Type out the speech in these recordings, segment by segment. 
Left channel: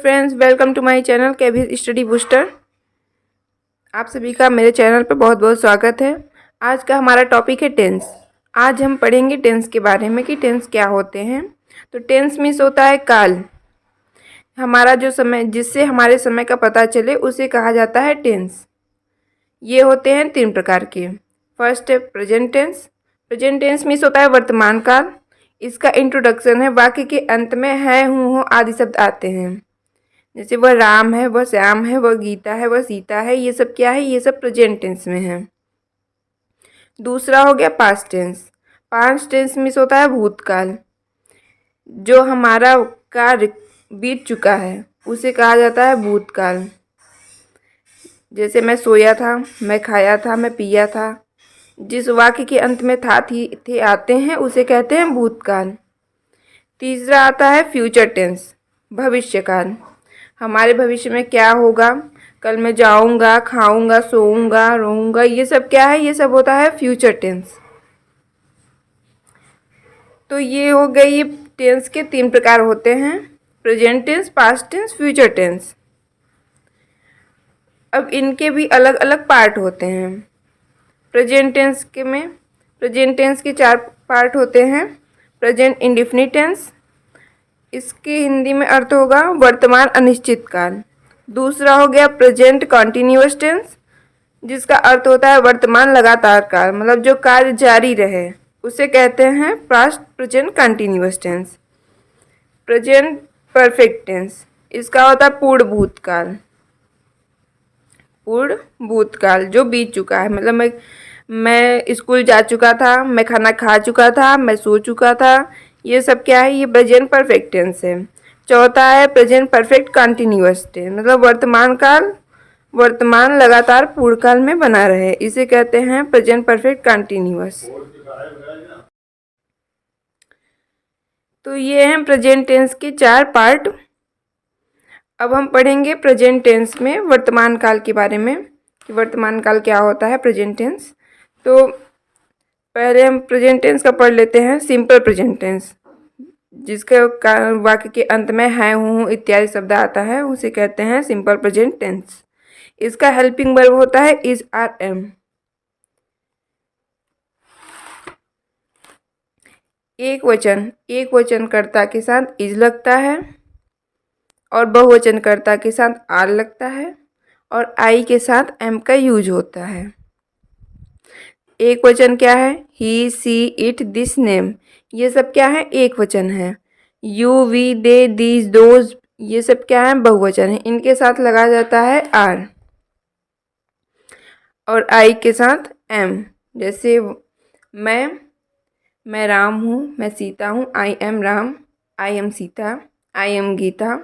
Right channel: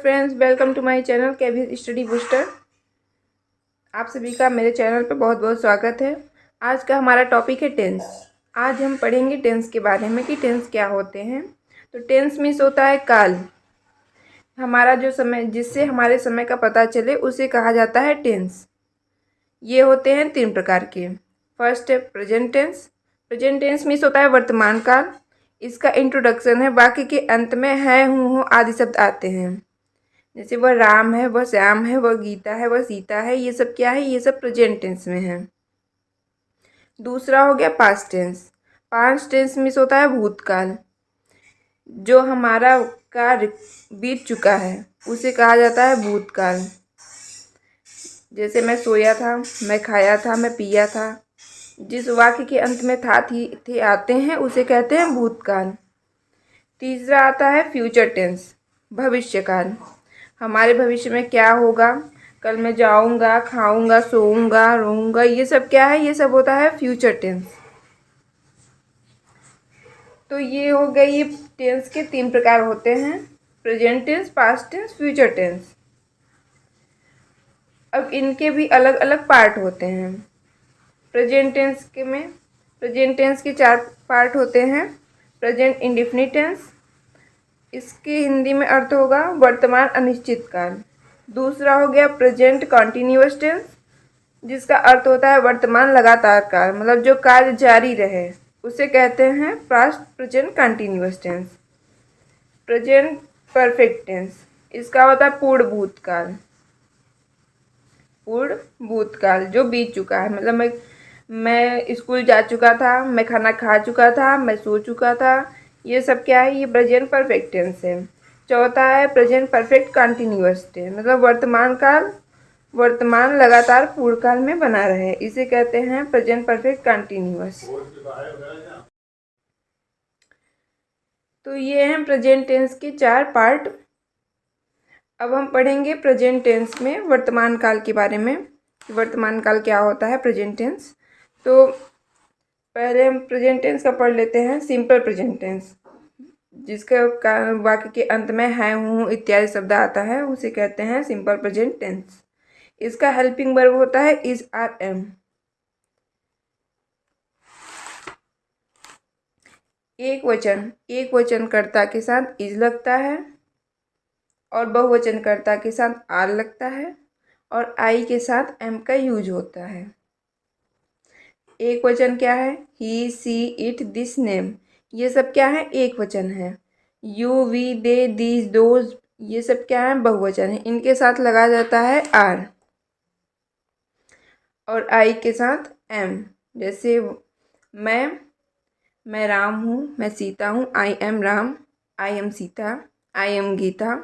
Friends, welcome to my channel KV study booster. आप सभी का मेरे चैनल पर बहुत बहुत स्वागत है। आज का हमारा टॉपिक है टेंस। आज हम पढ़ेंगे टेंस के बारे में कि टेंस क्या होते हैं। तो टेंस मीन्स होता है काल। हमारा जो समय, जिससे हमारे समय का पता चले, उसे कहा जाता है टेंस। ये होते हैं 3 प्रकार के। फर्स्ट है present tense. Present tense means होता है वर्तमान काल। इसका इंट्रोडक्शन है वाक्य के अंत में है, हूँ, हो आदि शब्द आते हैं। जैसे वह राम है, वह श्याम है, वह गीता है, वह सीता है। ये सब क्या है? ये सब प्रेजेंट टेंस में है। दूसरा हो गया past tense. Past tense means होता है भूतकाल। जो हमारा कार्य बीत चुका है उसे कहा जाता है भूतकाल। जैसे मैं सोया था, मैं खाया था, मैं पिया था। जिस वाक्य के अंत में था, थी, थे आते हैं उसे कहते हैं भूतकाल। तीसरा आता है फ्यूचर टेंस, भविष्यकाल। हमारे भविष्य में क्या होगा, कल मैं जाऊंगा, खाऊंगा, सोऊंगा, रहूंगा, ये सब क्या है? ये सब होता है फ्यूचर टेंस। तो ये हो गई, टेंस के 3 प्रकार होते हैं, present tense, past tense, future tense. अब इनके भी अलग अलग पार्ट होते हैं। प्रेजेंट टेंस के 4 पार्ट होते हैं। प्रेजेंट इंडेफिनिट टेंस, इसके हिंदी में अर्थ होगा वर्तमान अनिश्चित काल। दूसरा हो गया प्रेजेंट कॉन्टिन्यूअस टेंस, जिसका अर्थ होता है वर्तमान लगातार काल, मतलब जो कार्य जारी रहे, उसे कहते हैं past present continuous tense. Present perfect tense, इसका होता है पूर्ण भूतकाल। पूर्ण भूतकाल जो बीत चुका है, मतलब मैं स्कूल जा चुका था, मैं खाना खा चुका था, मैं सो चुका था। ये सब क्या है? ये प्रेजेंट परफेक्ट टेंस है। चौथा है प्रेजेंट परफेक्ट कंटिन्यूअस टेंस, मतलब वर्तमान काल, वर्तमान लगातार पूर्ण काल में बना रहे, इसे कहते हैं प्रेजेंट परफेक्ट कंटिन्यूअस। तो ये हैं प्रेजेंट टेंस के 4 पार्ट। अब हम पढ़ेंगे प्रेजेंट टेंस में वर्तमान काल के बारे में, वर्तमान काल क्या होता है, प्रेजेंट टेंस। तो पहले हम प्रेजेंट टेंस का पढ़ लेते हैं। सिंपल प्रेजेंट टेंस, जिसके वाक्य के अंत में है, हूँ इत्यादि शब्द आता है, उसे कहते हैं सिंपल प्रेजेंट टेंस। इसका हेल्पिंग वर्ब होता है इज, आर, एम। एक वचन कर्ता के साथ इज लगता है, और बहुवचन कर्ता के साथ आर लगता है, और आई के साथ एम का यूज होता है। एक वचन क्या है? He, she, it, this, name, ये सब क्या है? एक वचन है। You, we, they, these, those, ये सब क्या है? बहुवचन है। इनके साथ लगा जाता है आर, और आई के साथ एम। जैसे मैं राम हूँ, मैं सीता हूँ, I am Ram, I am Sita, I am Gita,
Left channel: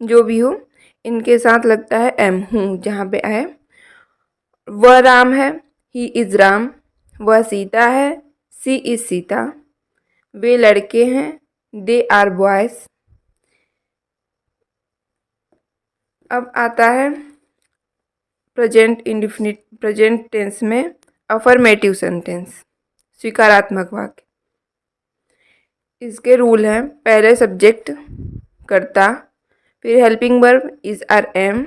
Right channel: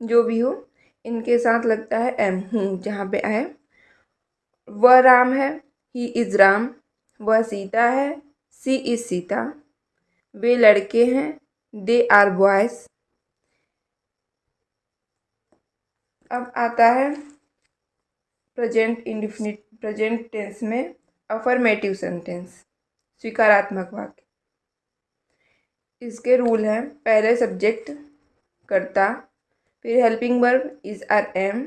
जो भी हो, इनके साथ लगता है एम, हूँ जहाँ पे आए। वह राम है, ही इज राम। वह सीता है, सी इज सीता। वे लड़के हैं, दे आर बॉयज। अब आता है प्रेजेंट टेंस में अफर्मेटिव सेंटेंस, स्वीकारात्मक वाक्य। इसके रूल हैं, पहले सब्जेक्ट कर्ता, फिर helping verb is, are, am,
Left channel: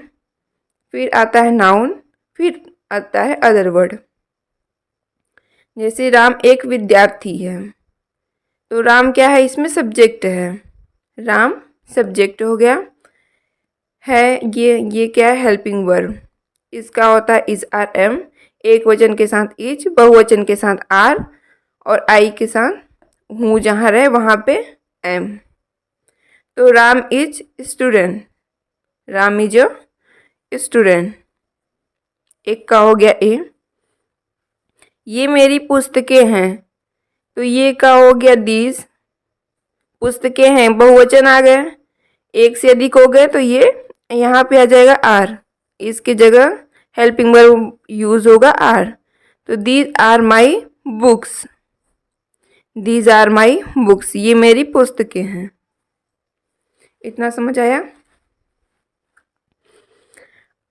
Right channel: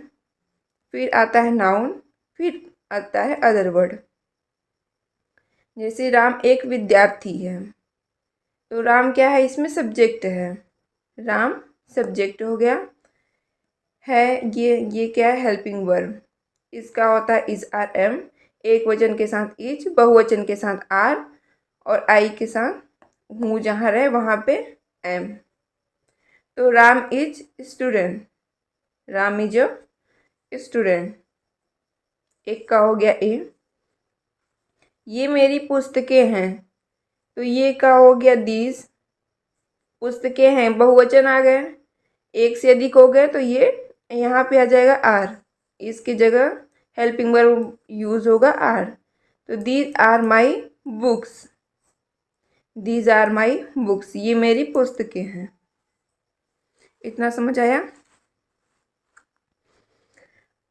फिर आता है नाउन, फिर आता है अदर वर्ड। जैसे राम एक विद्यार्थी है, तो राम क्या है? इसमें सब्जेक्ट है, राम सब्जेक्ट हो गया। है ये क्या है? Helping verb. इसका होता है इज, आर, एम। एक वचन के साथ इज, बहुवचन के साथ आर, और आई के साथ हूँ जहाँ रहे वहाँ पे एम। तो Ram is student, Ram is a student. एक का हो गया ए। ये मेरी पुस्तकें हैं, तो ये का हो गया दीज। पुस्तकें हैं, बहुवचन आ गए, एक से अधिक हो गए, तो ये यहाँ पे आ जाएगा आर, इसकी जगह हेल्पिंग वर्ब यूज होगा आर। तो these are my books, these are my books, ये मेरी पुस्तकें हैं। इतना समझ आया?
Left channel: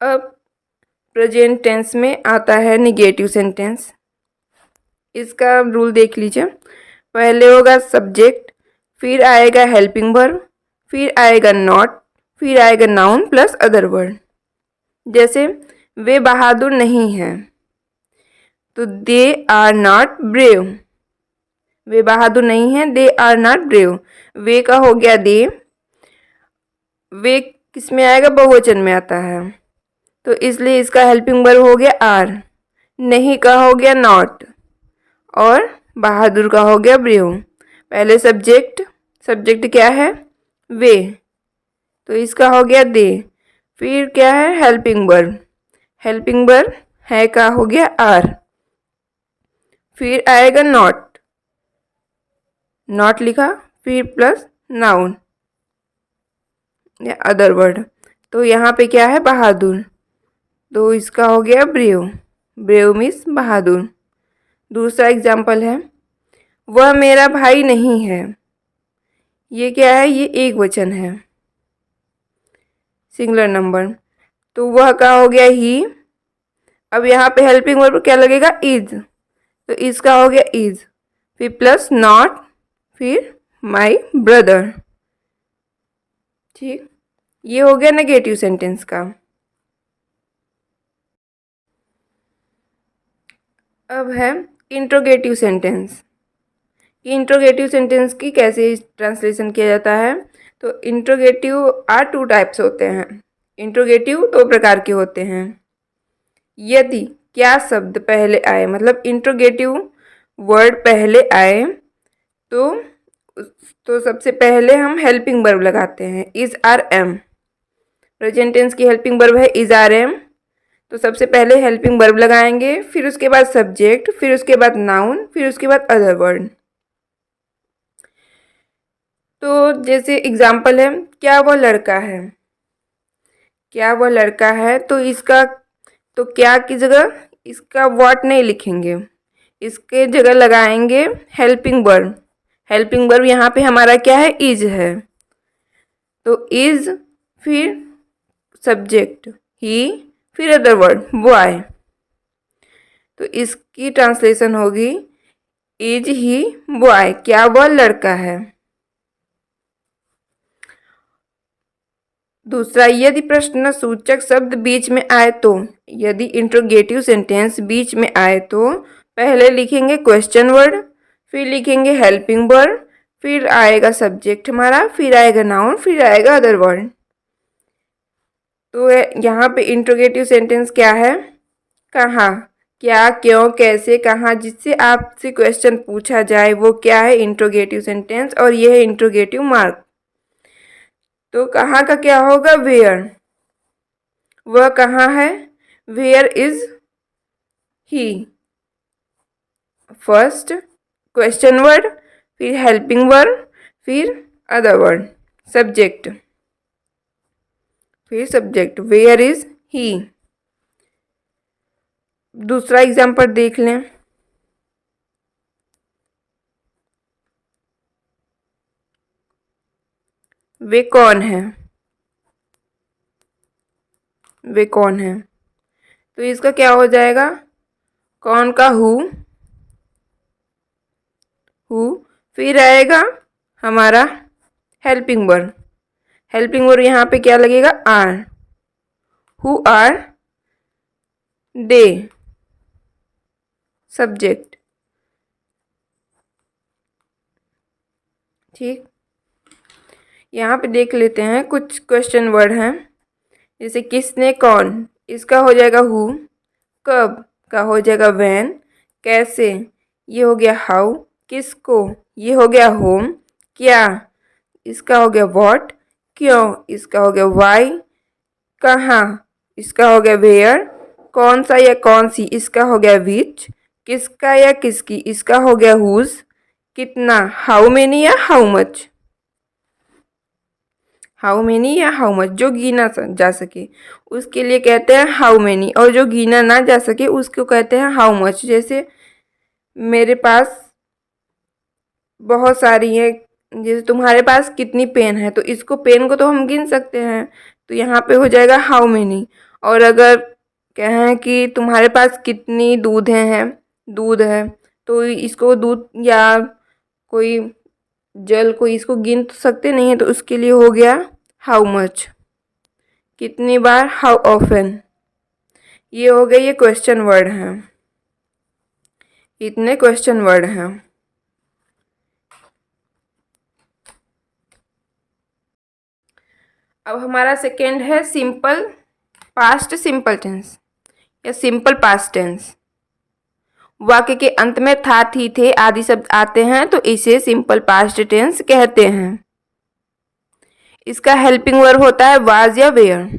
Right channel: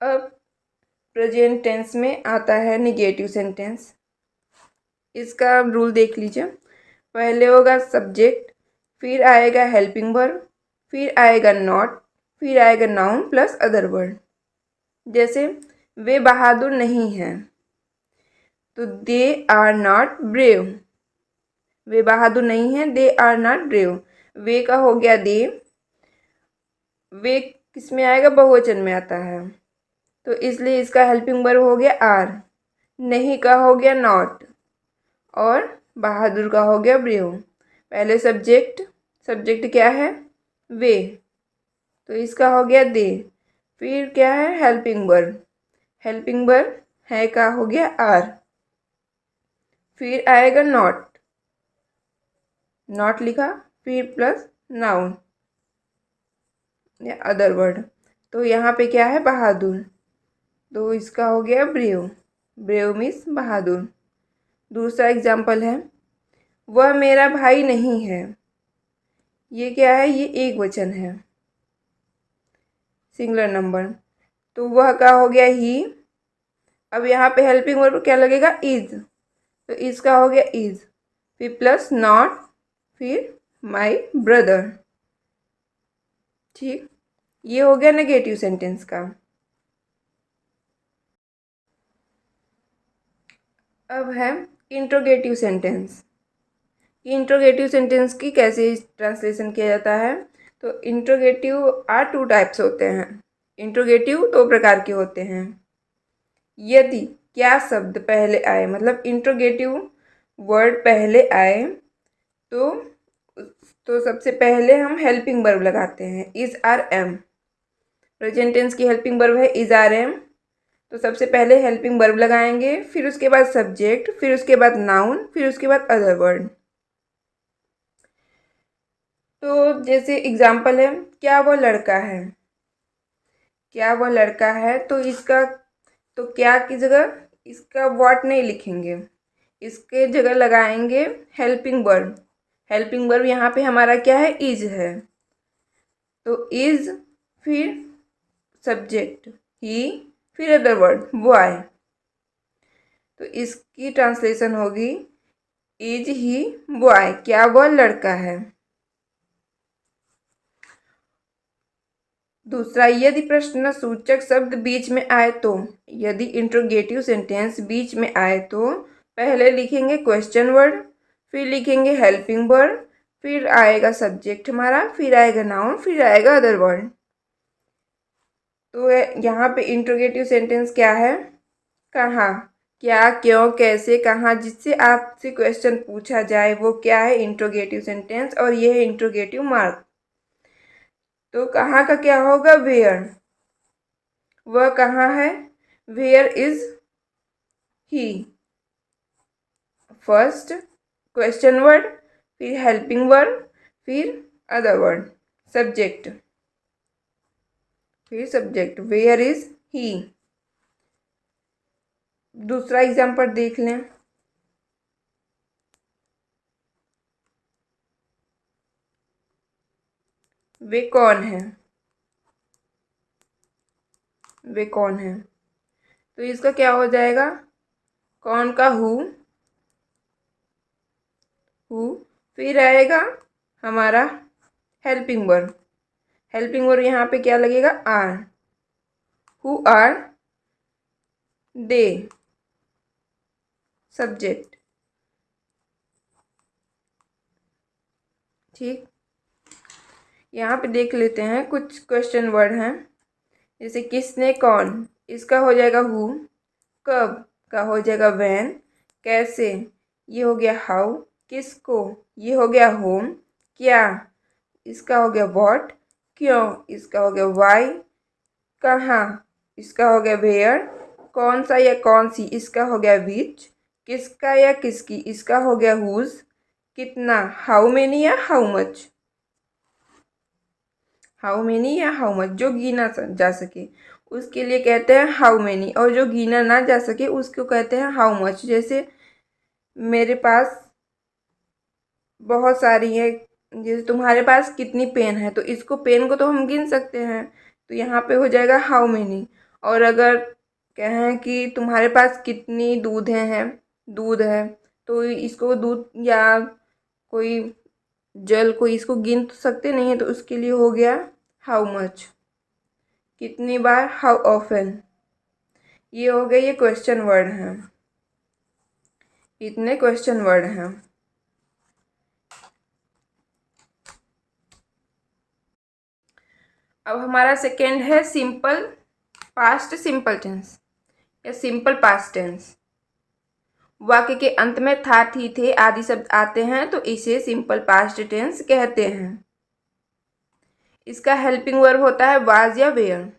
अब प्रेजेंट टेंस में आता है निगेटिव सेंटेंस। इसका रूल देख लीजिए। पहले होगा सब्जेक्ट, फिर आएगा हेल्पिंग वर्ब, फिर आएगा नॉट, फिर आएगा नाउन प्लस अदर वर्ड। जैसे वे बहादुर नहीं हैं, तो दे आर नॉट ब्रेव। वे बहादुर नहीं हैं, दे आर नॉट ब्रेव। वे का हो गया दे, वे किस में आएगा, बहुवचन में आता है, तो इसलिए इसका हेल्पिंग वर्ब हो गया आर। नहीं का हो गया नॉट, और बहादुर का हो गया ब्रेव। पहले सब्जेक्ट, सब्जेक्ट क्या है, वे, तो इसका हो गया दे। फिर क्या है, हेल्पिंग वर्ब, हेल्पिंग वर्ब है का हो गया आर। फिर आएगा नॉट, नॉट लिखा, फिर प्लस नाउन या अदर वर्ड, तो यहाँ पे क्या है, बहादुर, तो इसका हो गया ब्रेव। ब्रेव मीन्स बहादुर। दूसरा एग्जाम्पल है, वह मेरा भाई नहीं है। ये क्या है, ये एक वचन है, सिंगुलर नंबर, तो वह का हो गया ही। अब यहाँ पे हेल्पिंग वर्ब क्या लगेगा, इज, तो इसका हो गया इज, फिर प्लस नॉट, फिर माई ब्रदर। ठीक, ये हो गया नेगेटिव सेंटेंस का। अब है इंट्रोगेटिव सेंटेंस। इंट्रोगेटिव सेंटेंस की कैसे ट्रांसलेशन किया जाता है, तो इंट्रोगेटिव आर टू टाइप्स होते हैं। इंट्रोगेटिव दो प्रकार के होते हैं। यदि क्या शब्द पहले आए, मतलब इंट्रोगेटिव वर्ड पहले आए, तो सबसे पहले हम हेल्पिंग वर्ब लगाते हैं, is are am. Present tense की हेल्पिंग वर्ब है इज आर एम, तो सबसे पहले हेल्पिंग वर्ब लगाएंगे, फिर उसके बाद सब्जेक्ट, फिर उसके बाद नाउन, फिर उसके बाद अदर वर्ड। तो जैसे एग्जाम्पल है, क्या वह लड़का है, क्या वह लड़का है, तो इसका, तो क्या की जगह इसका व्हाट नहीं लिखेंगे, इसके जगह लगाएंगे हेल्पिंग वर्ब। हेल्पिंग वर्ब यहाँ पे हमारा क्या है, इज है, तो इज, फिर सब्जेक्ट ही, फिर अदर वर्ड बॉय, तो इसकी ट्रांसलेशन होगी इज ही बॉय, क्या वह लड़का है। दूसरा, यदि प्रश्न सूचक शब्द बीच में आए तो, यदि इंट्रोगेटिव सेंटेंस बीच में आए तो पहले लिखेंगे क्वेश्चन वर्ड, फिर लिखेंगे हेल्पिंग वर्ड, फिर आएगा सब्जेक्ट हमारा, फिर आएगा नाउन, फिर आएगा अदर वर्ड। तो यहाँ पे इंट्रोगेटिव सेंटेंस क्या है, कहाँ, क्या, क्यों, कैसे, कहाँ, जिससे आपसे क्वेश्चन पूछा जाए वो क्या है, इंट्रोगेटिव सेंटेंस, और यह है इंट्रोगेटिव मार्क। तो कहाँ का क्या होगा, वेयर, वह कहाँ है, where is he. First question word, फिर हेल्पिंग वर्ड, फिर अदर वर्ड, सब्जेक्ट, फिर सब्जेक्ट, वेयर इज ही। दूसरा एग्जाम्पल देख लें, वे कौन है, वे कौन है, तो इसका क्या हो जाएगा, कौन का हु, फिर आएगा हमारा हेल्पिंग वर्ब। हेल्पिंग वर्ब यहाँ पे क्या लगेगा, are, who are they, subject. ठीक, यहाँ पे देख लेते हैं कुछ क्वेश्चन वर्ड हैं, जैसे किसने, कौन, इसका हो जाएगा हु, कब का हो जाएगा व्हेन, कैसे, ये हो गया हाउ, किसको, ये हो गया होम, क्या, इसका हो गया व्हाट, क्यों, इसका हो गया व्हाई, कहाँ, इसका हो गया वेयर, कौन सा या कौन सी, इसका हो गया विच, किसका या किसकी, इसका हो गया हुज, कितना, हाउ मेनी या हाउ मच, हाउ मेनी या हाउ मच, जो गिना जा सके उसके लिए कहते हैं हाउ मेनी, और जो गिना ना जा सके उसको कहते हैं हाउ मच। जैसे मेरे पास बहुत सारी है, जैसे तुम्हारे पास कितनी पेन है, तो इसको, पेन को तो हम गिन सकते हैं, तो यहाँ पे हो जाएगा हाउ मेनी। और अगर कहें कि तुम्हारे पास कितनी दूधें हैं, दूध है, तो इसको दूध या कोई जल को, इसको गिन तो सकते नहीं है, तो उसके लिए हो गया हाउ मच। कितनी बार, हाउ ऑफन। ये हो गए, ये क्वेश्चन वर्ड हैं, इतने क्वेश्चन वर्ड हैं। अब हमारा सेकेंड है सिंपल पास्ट सिंपल टेंस या सिंपल पास्ट टेंस। वाक्य के अंत में था, थी, थे आदि शब्द आते हैं तो इसे सिंपल पास्ट टेंस कहते हैं। इसका हेल्पिंग वर्ब होता है वाज या वेयर।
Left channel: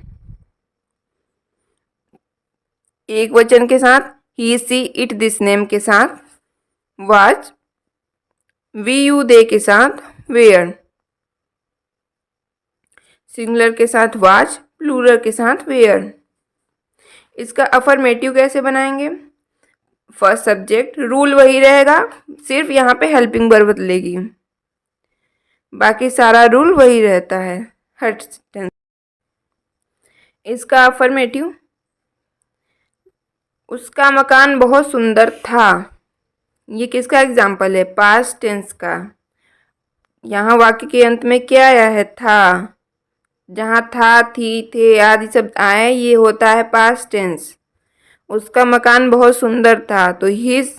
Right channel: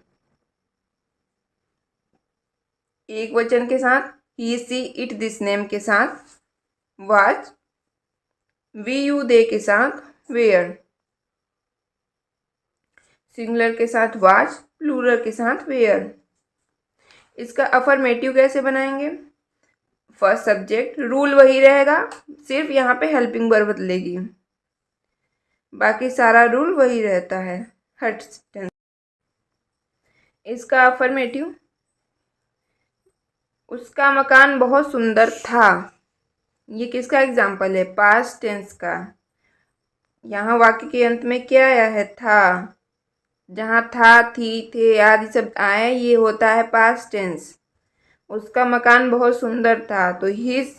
एक वचन के साथ ही, सी, इट, दिस, नेम के साथ वाज, वी, यू, दे के साथ वेयर, सिंगुलर के साथ वाज, प्लूरल के साथ वेयर। इसका अफर्मेटिव कैसे बनाएंगे? फर्स्ट सब्जेक्ट, रूल वही रहेगा, सिर्फ यहाँ पे हेल्पिंग वर्ब बदलेगी, बाकी सारा रूल वही रहता है हर टेंस। इसका अफर्मेटिव, उसका मकान बहुत सुंदर था। ये किसका एग्जाम्पल है? पास्ट टेंस का। यहाँ वाक्य के अंत में क्या आया है? था। जहाँ था, थी, थे आदि शब्द आए ये होता है पास्ट टेंस। उसका मकान बहुत सुंदर था तो his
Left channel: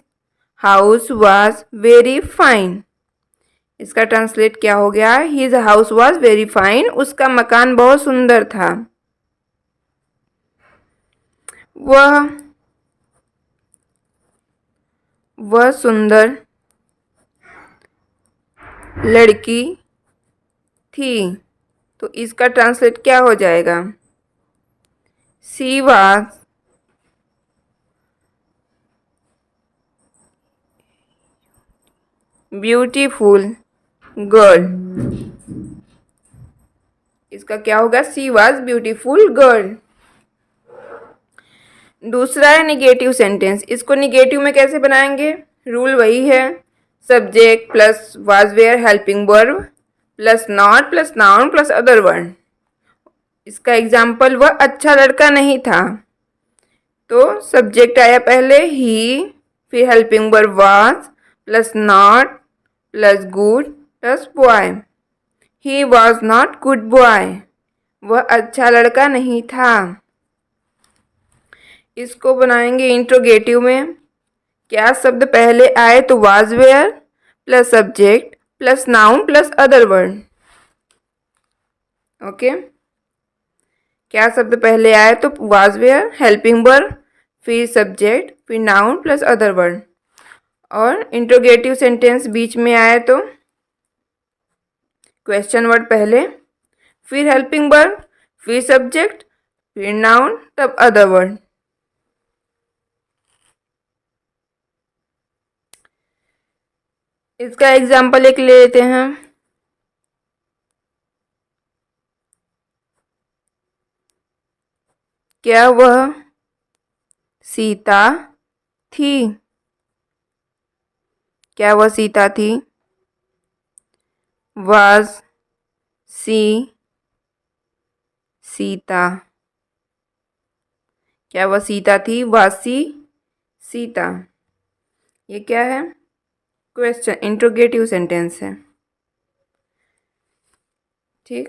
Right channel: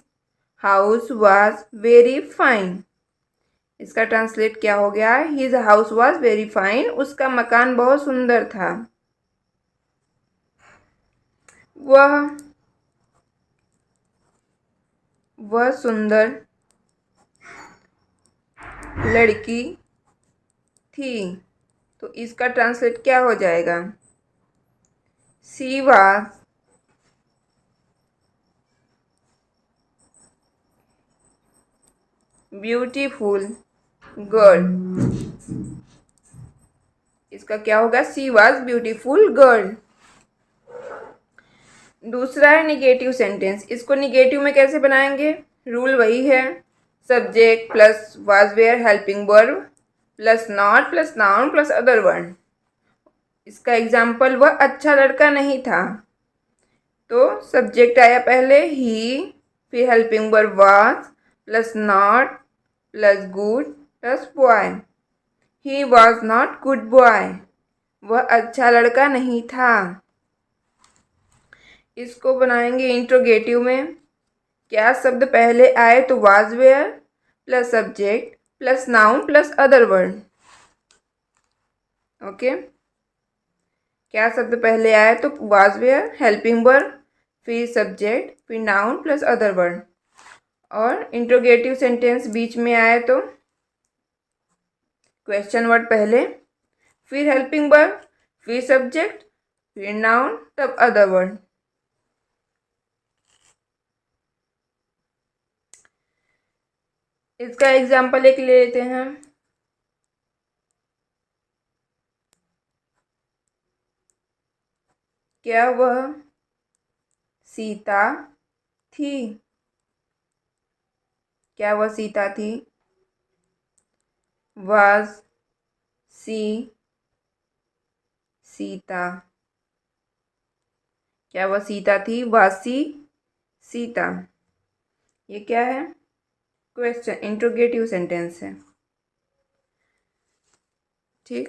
house was very fine. इसका ट्रांसलेट क्या हो गया? His house was very fine, उसका मकान बहुत सुंदर था। वह सुंदर लड़की थी तो इसका ट्रांसलेट क्या हो जाएगा? She was beautiful girl. इसका क्या होगा? She was beautiful girl. दूसरा है निगेटिव सेंटेंस। इसको निगेटिव में कैसे बनाएंगे? रूल वही है, subject plus was were helping verb plus not plus noun plus other word. इसका एग्जाम्पल, वह अच्छा लड़का नहीं था तो सब्जेक्ट आया पहले ही, फिर helping verb was plus not plus good plus boy. He was not good boy, वह अच्छा लड़का नहीं था। इसको बनाएंगे इंट्रोगेटिव में। क्या शब्द पहले आए तो was were plus subject plus noun plus other word. Okay, क्या शब्द पहले आए तो वाज वेयर, हेल्पिंग वर्ब, फिर सब्जेक्ट, फिर नाउन प्लस अदर वर्ड। और इंट्रोगेटिव सेंटेंस बीच में आए तो क्वेश्चन वर्ड पहले, फिर हेल्पिंग वर्ब, फिर सब्जेक्ट, फिर नाउन, तब अदर वर्ड। इसका एग्जाम्पल एक ले लेते हैं। क्या वह सीता थी? क्या वह सीता थी? वाज सी सीता। क्या वह सीता थी? वाज सी सीता। ये क्या है? क्वेश्चन, इंट्रोगेटिव सेंटेंस है। ठीक,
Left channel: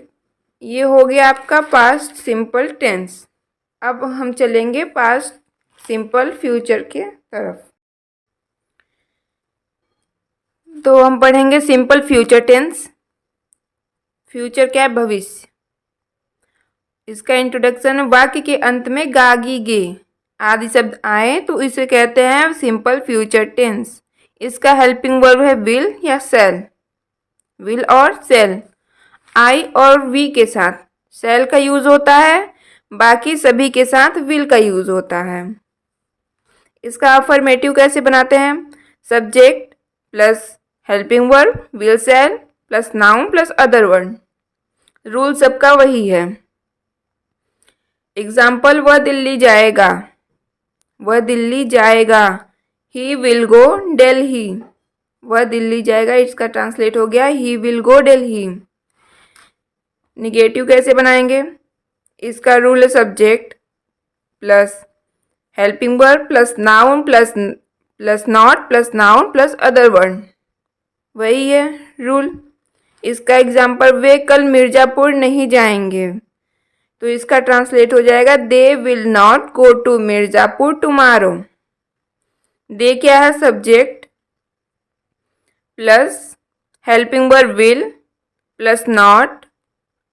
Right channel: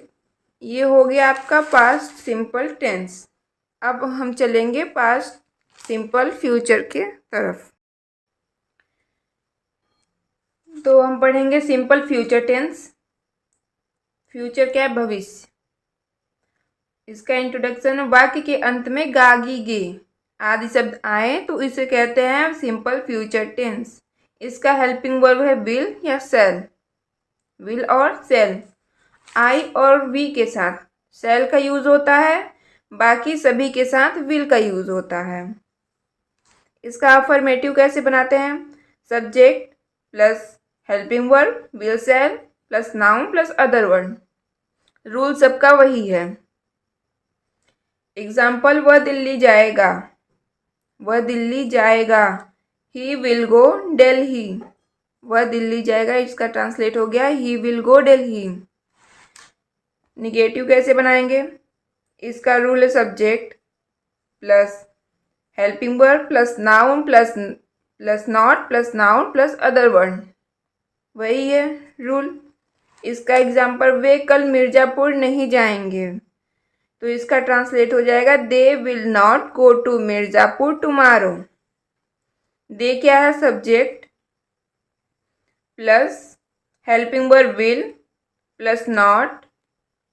ये हो गया आपका पास्ट सिंपल टेंस। अब हम चलेंगे पास्ट सिंपल फ्यूचर के तरफ। तो हम पढ़ेंगे सिंपल फ्यूचर टेंस। फ्यूचर क्या है? भविष्य। इसका इंट्रोडक्शन, वाक्य के अंत में गा, गी, गे आदि शब्द आए तो इसे कहते हैं सिंपल फ्यूचर टेंस। इसका हेल्पिंग वर्ब है विल या सेल। विल और सेल, आई और वी के साथ सेल का यूज होता है, बाकी सभी के साथ विल का यूज होता है। इसका अफर्मेटिव कैसे बनाते हैं? Subject plus helping verb will shall plus noun plus other word. Rule सबका वही है। एग्जाम्पल, वह दिल्ली जाएगा, वह दिल्ली जाएगा। ही विल गो दिल्ली, वह दिल्ली जाएगा, इसका ट्रांसलेट हो गया he will go Delhi. Negative कैसे बनाएंगे? इसका रूल है subject plus helping verb plus noun plus not plus noun plus other word, वही है रूल। इसका एग्जाम्पल, वे कल मिर्ज़ापुर नहीं जाएंगे। तो इसका ट्रांसलेट हो जाएगा they will not go to Mirzapur tomorrow. They क्या है? Subject plus helping verb will plus not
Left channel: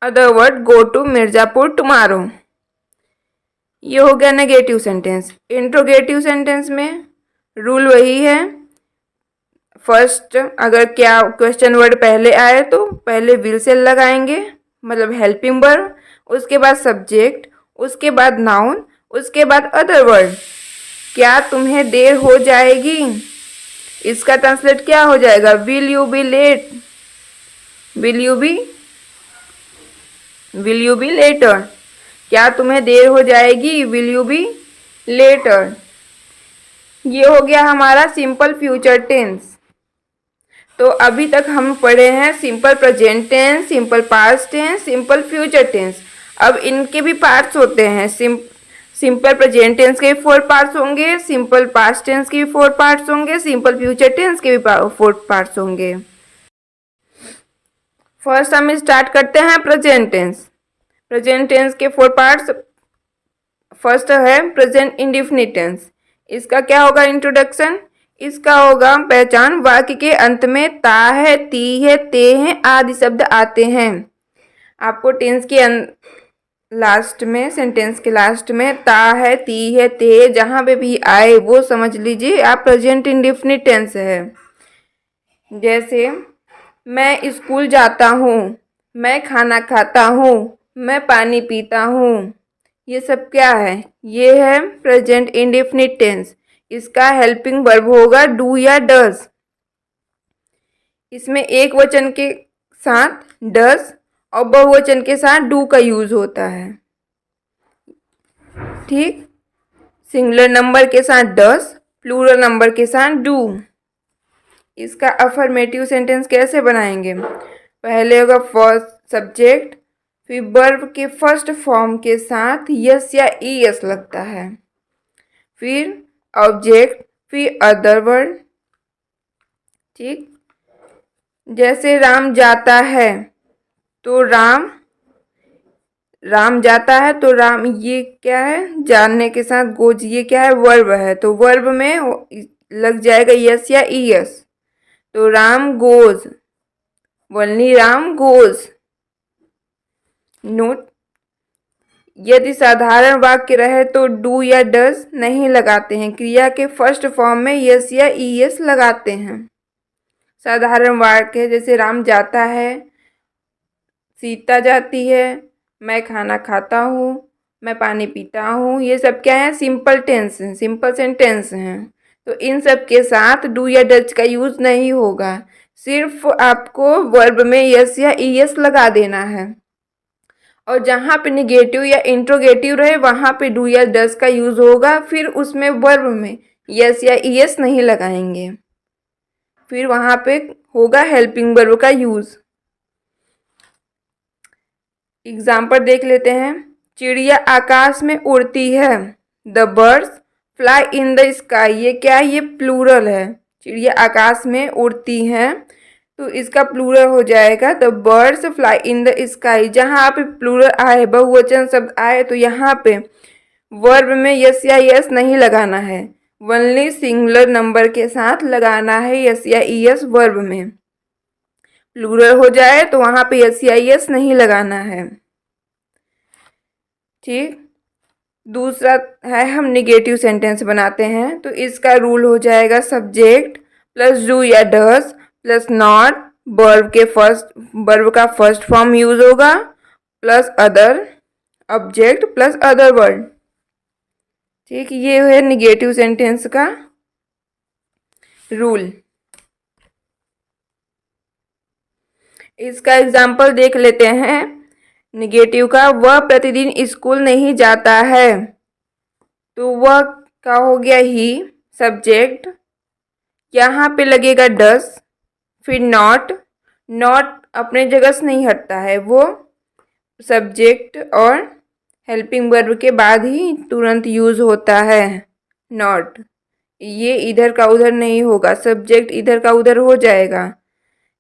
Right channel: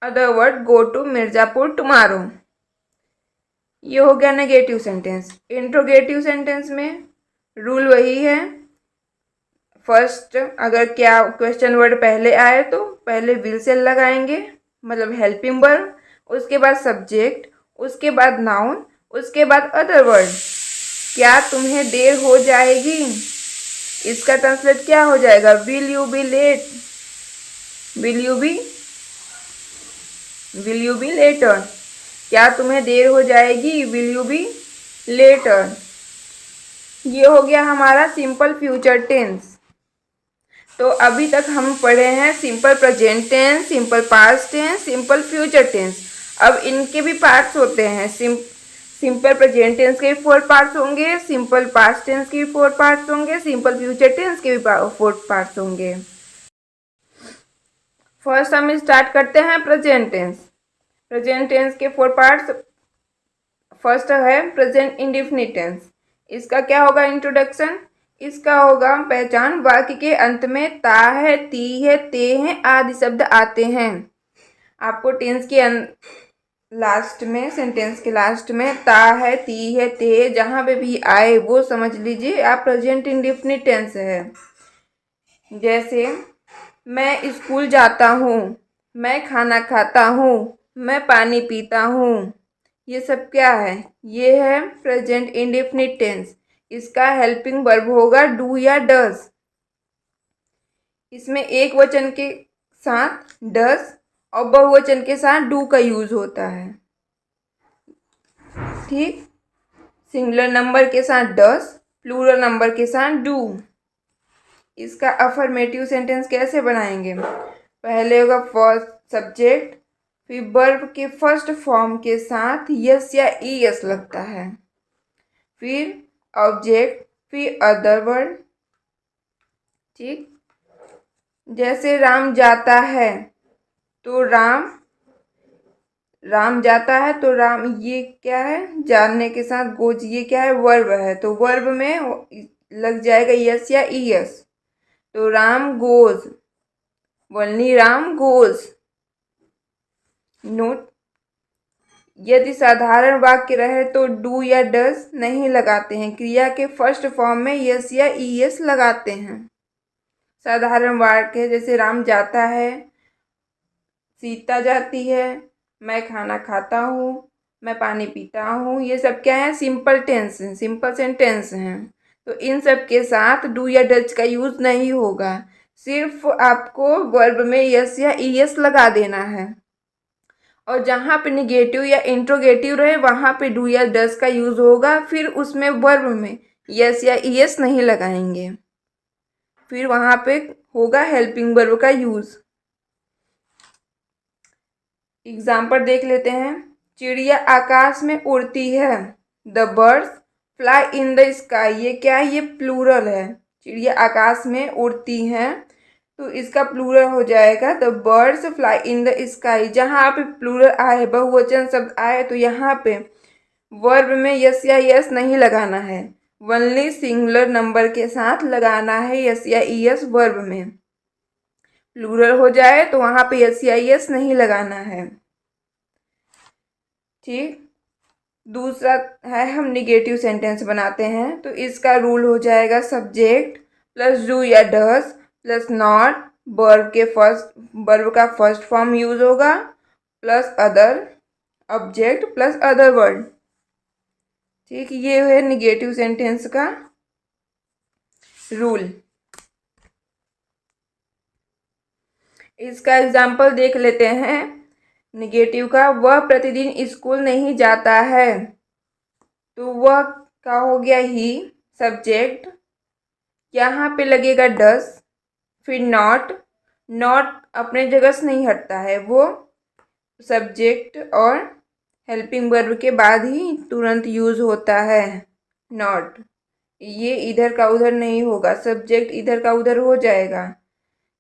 other word go to Mirzapur tomorrow. ये हो गया नेगेटिव सेंटेंस। इंट्रोगेटिव सेंटेंस में रूल वही है, फर्स्ट अगर क्या क्वेश्चन वर्ड पहले आए तो पहले विल से लगाएंगे, मतलब हेल्पिंग वर्ब, उसके बाद सब्जेक्ट, उसके बाद नाउन, उसके बाद अदर वर्ड। क्या तुम्हें देर हो जाएगी, इसका ट्रांसलेट क्या हो जाएगा? Will you be late, will you be later. क्या तुम्हें देर हो जाएगी, विल यू बी लेटर। ये हो गया हमारा सिंपल फ्यूचर टेंस। तो अभी तक हम पढ़े हैं simple present tense, simple past tense, simple future tense. अब इनके भी पार्ट्स होते हैं। सिंपल प्रेजेंट टेंस के भी 4 पार्ट्स होंगे, सिंपल पास्ट टेंस के भी 4 पार्ट्स होंगे, सिंपल फ्यूचर टेंस के भी 4 पार्ट्स होंगे। फर्स्ट हम स्टार्ट करते हैं प्रेजेंट टेंस। प्रेजेंट टेंस के 4 पार्ट्स। फर्स्ट है प्रेजेंट इंडेफिनिट टेंस। इसका क्या होगा? इंट्रोडक्शन। इसका होगा पहचान। वाक्य के अंत में ता है, ती है, ते हैं आदि शब्द आते हैं। आपको टेंस के लास्ट में, सेंटेंस के लास्ट में ता है, ती है, ते है, जहां पे भी आए वो समझ लीजिए आप प्रेजेंट इंडेफिनिट टेंस है। जैसे मैं स्कूल जाता हूँ, मैं खाना खाता हूँ, मैं पानी पीता हूँ, ये सब क्या है? ये है प्रेजेंट इंडेफिनिट टेंस। इसका हेल्पिंग वर्ब होगा डू या डज। इसमें एक वचन के साथ डज और बहुवचन के साथ डू का यूज होता है। ठीक, सिंगुलर नंबर के साथ डज, प्लूरल नंबर के साथ डू। इसका अफर्मेटिव सेंटेंस कैसे बनाएंगे? पहले होगा फर्स्ट सब्जेक्ट, फिर वर्ब के फर्स्ट फॉर्म के साथ यस या ई एस लगता है, फिर ऑब्जेक्ट, फिर अदर वर्ड। ठीक, जैसे राम जाता है तो राम जाता है तो राम, ये क्या है? जानने के साथ गोज, ये क्या है? वर्ब है, तो वर्ब में लग जाएगा यस या ई एस। तो Ram goes, only Ram goes. Note, यदि साधारण वाक्य रहे तो डू या डज नहीं लगाते हैं, क्रिया के फर्स्ट फॉर्म में यस या ई एस लगाते हैं। साधारण वाक्य है जैसे राम जाता है, सीता जाती है, मैं खाना खाता हूँ, मैं पानी पीता हूँ, ये सब क्या है? सिंपल टेंस हैं, सिंपल सेंटेंस हैं। तो इन सब के साथ डू या डज का यूज नहीं होगा, सिर्फ आपको वर्ब में यस या ई एस लगा देना है। और जहाँ पे निगेटिव या इंट्रोगेटिव रहे वहाँ पे डू या डज का यूज होगा, फिर उसमें वर्ब में यस या ई एस नहीं लगाएंगे, फिर वहाँ पे होगा हेल्पिंग वर्ब का यूज। एग्जाम्पल देख लेते हैं। चिड़िया आकाश में उड़ती है, the birds fly in the sky. ये क्या है? ये प्लूरल है। चिड़िया आकाश में उड़ती हैं तो इसका प्लूरल हो जाएगा the birds fly in the sky. जहाँ पे प्लूरल आए, बहुवचन शब्द आए, तो यहाँ पे वर्ब में यस या यस नहीं लगाना है, ओनली सिंगुलर नंबर के साथ लगाना है यस या ई एस। वर्ब में प्लूरल हो जाए तो वहाँ पे यस या यस नहीं लगाना है। ठीक, दूसरा है हम निगेटिव सेंटेंस बनाते हैं, तो इसका रूल हो जाएगा सब्जेक्ट प्लस डू या डज प्लस नॉट, वर्ब का फर्स्ट फॉर्म यूज होगा, plus other, object plus other word. ठीक, ये है निगेटिव सेंटेंस का रूल। इसका एग्जाम्पल देख लेते हैं निगेटिव का। वह प्रतिदिन स्कूल नहीं जाता है, तो वह का हो गया ही, सब्जेक्ट, यहाँ पे लगेगा डस, फिर नॉट अपने जगह से नहीं हटता है, वो सब्जेक्ट और हेल्पिंग वर्ब के बाद ही तुरंत यूज होता है नॉट। ये इधर का उधर नहीं होगा, सब्जेक्ट इधर का उधर हो जाएगा,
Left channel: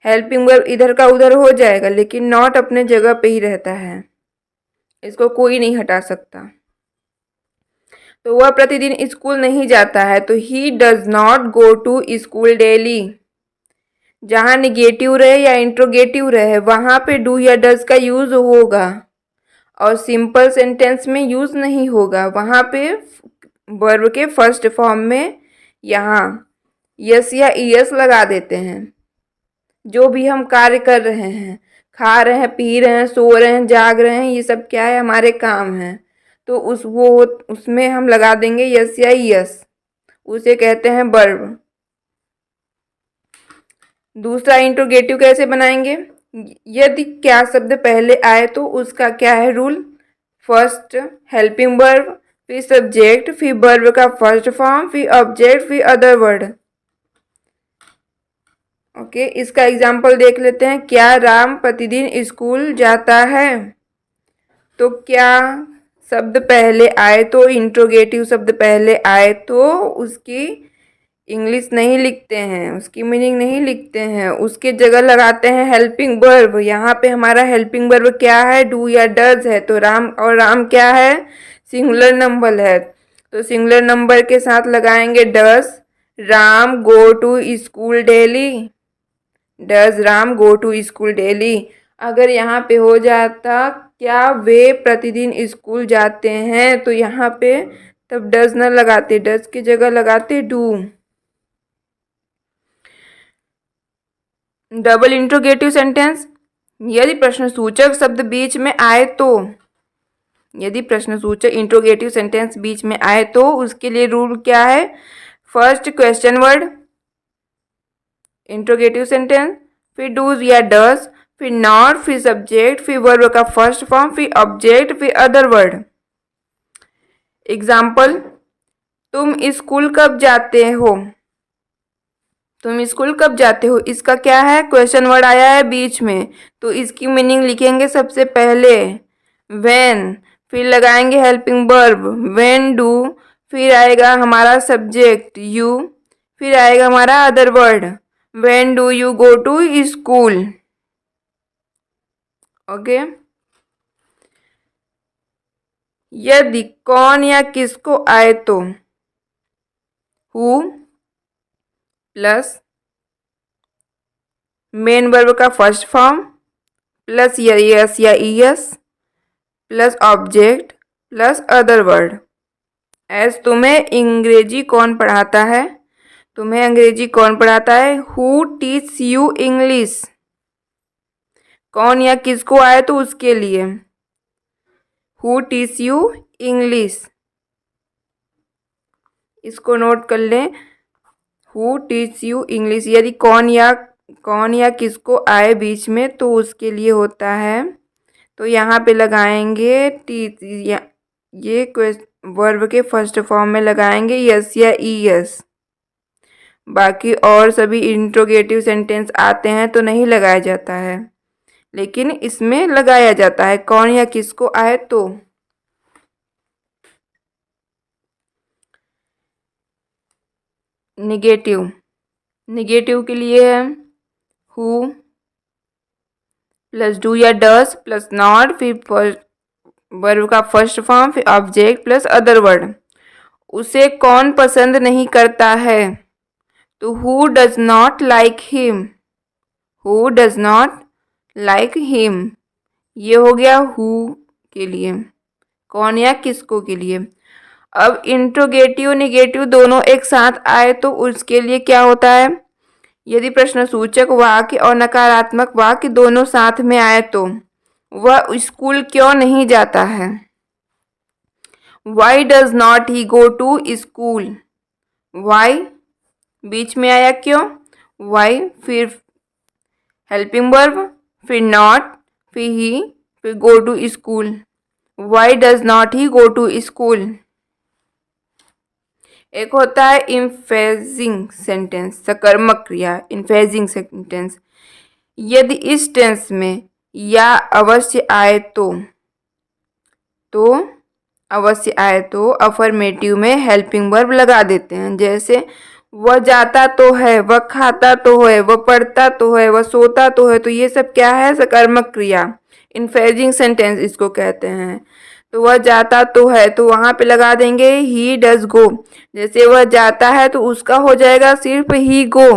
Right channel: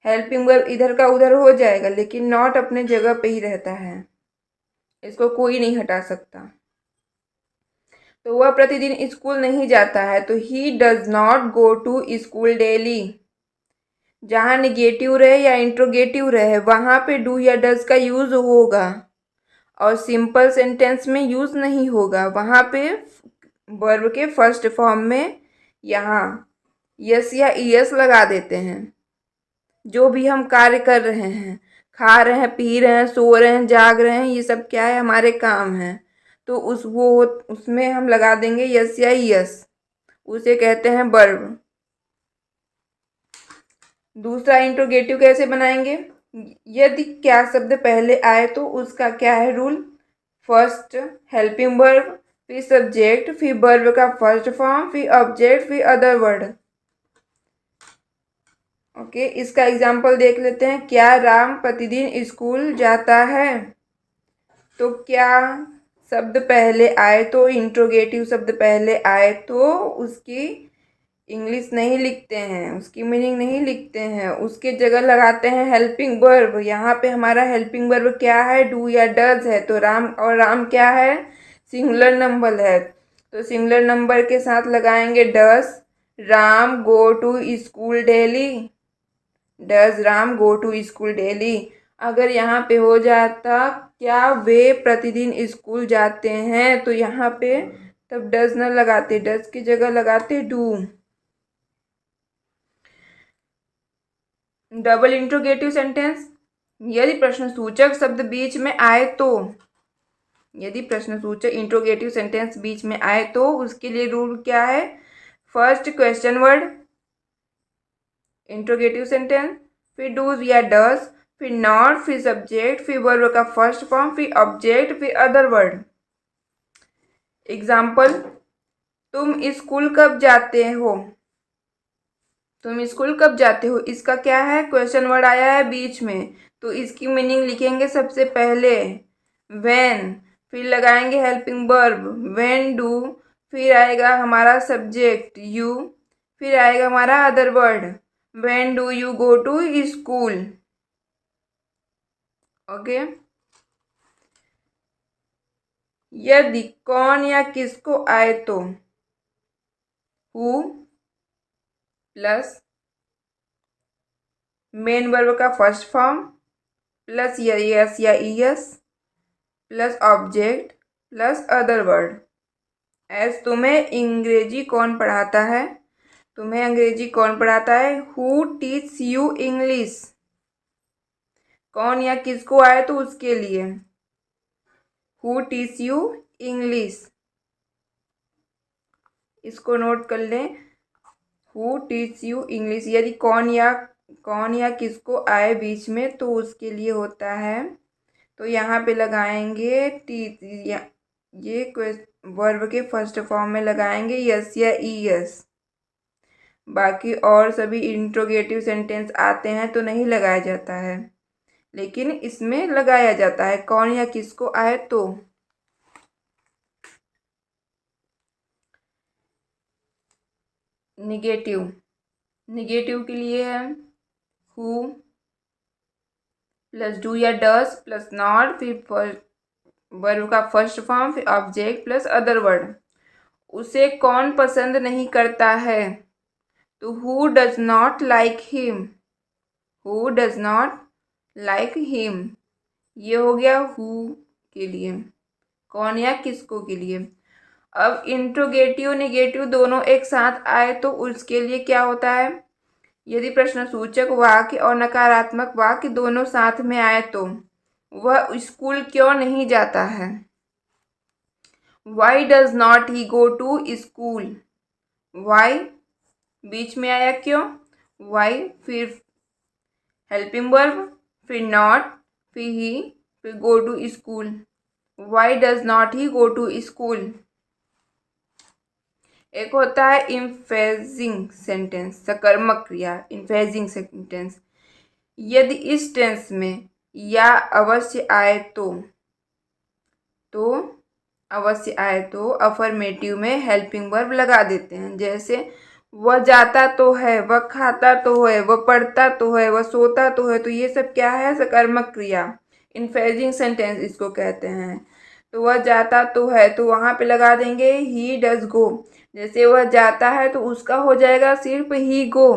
हेल्पिंग वर्ब इधर का उधर हो जाएगा, लेकिन नॉट अपने जगह पे ही रहता है। इसको कोई नहीं हटा सकता। तो वह प्रतिदिन स्कूल नहीं जाता है, तो he does not go to school daily. जहाँ निगेटिव रहे या इंट्रोगेटिव रहे वहाँ पे डू या डज का यूज होगा, और सिंपल सेंटेंस में यूज नहीं होगा। वहाँ पे वर्ब के फर्स्ट फॉर्म में यहाँ यस या ईएस लगा देते हैं। जो भी हम कार्य कर रहे हैं, खा रहे हैं, पी रहे हैं, सो रहे हैं, जाग रहे हैं, ये सब क्या है, हमारे काम हैं। तो उसमें हम लगा देंगे यस या यस, उसे कहते हैं वर्ब। दूसरा इंट्रोगेटिव कैसे बनाएंगे? यदि क्या शब्द पहले आए तो उसका क्या है रूल? फर्स्ट हेल्पिंग वर्ब, फिर सब्जेक्ट, फिर वर्ब का फर्स्ट फॉर्म, फिर ऑब्जेक्ट, फिर अदर वर्ड। ओके, इसका एग्जाम्पल देख लेते हैं। क्या राम प्रतिदिन स्कूल जाता है? तो क्या शब्द पहले आए तो, इंट्रोगेटिव शब्द पहले आए तो उसकी इंग्लिश नहीं लिखते हैं, उसकी मीनिंग नहीं लिखते हैं, उसके जगह लगाते हैं हेल्पिंग वर्ब। यहाँ पे हमारा हेल्पिंग वर्ब क्या है? डू या डज है। तो राम, और राम क्या है? सिंगुलर नंबर है, तो सिंगुलर नंबर के साथ लगाएंगे does. Ram go to school daily. Does Ram go to school daily. अगर यहाँ पे हो जाता क्या वे प्रतिदिन स्कूल जाते हैं, तो यहाँ पे तब डज न लगाते, डज की जगह लगाते डू। डबल इंट्रोगेटिव सेंटेंस, यदि प्रश्नसूचक शब्द बीच में आए तो, यदि प्रश्नसूचक इंट्रोगेटिव सेंटेंस बीच में आए तो उसके लिए रूल क्या है? First question word interrogative sentence, फिर डूज या डस, फिर नॉट, फिर सब्जेक्ट, फिर वर्ब का फर्स्ट फॉर्म, फिर ऑब्जेक्ट, फिर अदर वर्ड। एग्जाम्पल, तुम स्कूल कब जाते हो? तुम स्कूल कब जाते हो, इसका क्या है? क्वेश्चन वर्ड आया है बीच में, तो इसकी मीनिंग लिखेंगे सबसे पहले व्हेन, फिर लगाएंगे हेल्पिंग वर्ब व्हेन डू, फिर आएगा हमारा सब्जेक्ट यू, फिर आएगा हमारा other word when do you go to school. Okay, यदि कौन या किसको आए तो हु प्लस मेन वर्ब का फर्स्ट फॉर्म प्लस यस या es plus object plus other word. As तुम्हें अंग्रेजी कौन पढ़ाता है? तुम्हें अंग्रेजी कौन पढ़ाता है? Who teach you English. कौन या किसको आए तो उसके लिए हु टीच यू इंग्लिश, इसको नोट कर लें। हु टीच यू इंग्लिश, यदि कौन या किसको आए बीच में तो उसके लिए होता है, तो यहाँ पे लगाएंगे टीच, ये वर्ब के फर्स्ट फॉर्म में लगाएंगे यस या ईएस। बाकी और सभी इंट्रोगेटिव सेंटेंस आते हैं तो नहीं लगाया जाता है, लेकिन इसमें लगाया जाता है कौन या किसको आए तो। निगेटिव के लिए है हु प्लस डू या डस प्लस नॉट, फिर वर्ब का फर्स्ट फॉर्म, फिर ऑब्जेक्ट प्लस अदर वर्ड। उसे कौन पसंद नहीं करता है? तो who does not like him. Who does not like him, ये हो गया हु के लिए, कौन या किसको के लिए। अब इंट्रोगेटिव निगेटिव दोनों एक साथ आए तो उसके लिए क्या होता है? यदि प्रश्नसूचक वाक्य और नकारात्मक वाक्य दोनों साथ में आए तो वह स्कूल क्यों नहीं जाता है? Why does not he go to school. Why बीच में आया क्यों? वाई, फिर हेल्पिंग वर्ब, फिर नॉट, फिर ही, फिर go to school. Why does not he go to school. एक होता है इम्फेजिंग सेंटेंस, सकर्मक क्रिया, इन्फेजिंग सेंटेंस। यदि इस टेंस में या अवश्य आए तो अवश्य आए तो अफर्मेटिव में हेल्पिंग वर्ब लगा देते हैं। जैसे वह जाता तो है, वह खाता तो है, वह पढ़ता तो है, वह सोता तो है, तो ये सब क्या है? सकर्मक क्रिया, इन्फेजिंग सेंटेंस इसको कहते हैं। तो वह जाता तो है, तो वहाँ पे लगा देंगे ही डज गो। जैसे वह जाता है तो उसका हो जाएगा सिर्फ ही गो,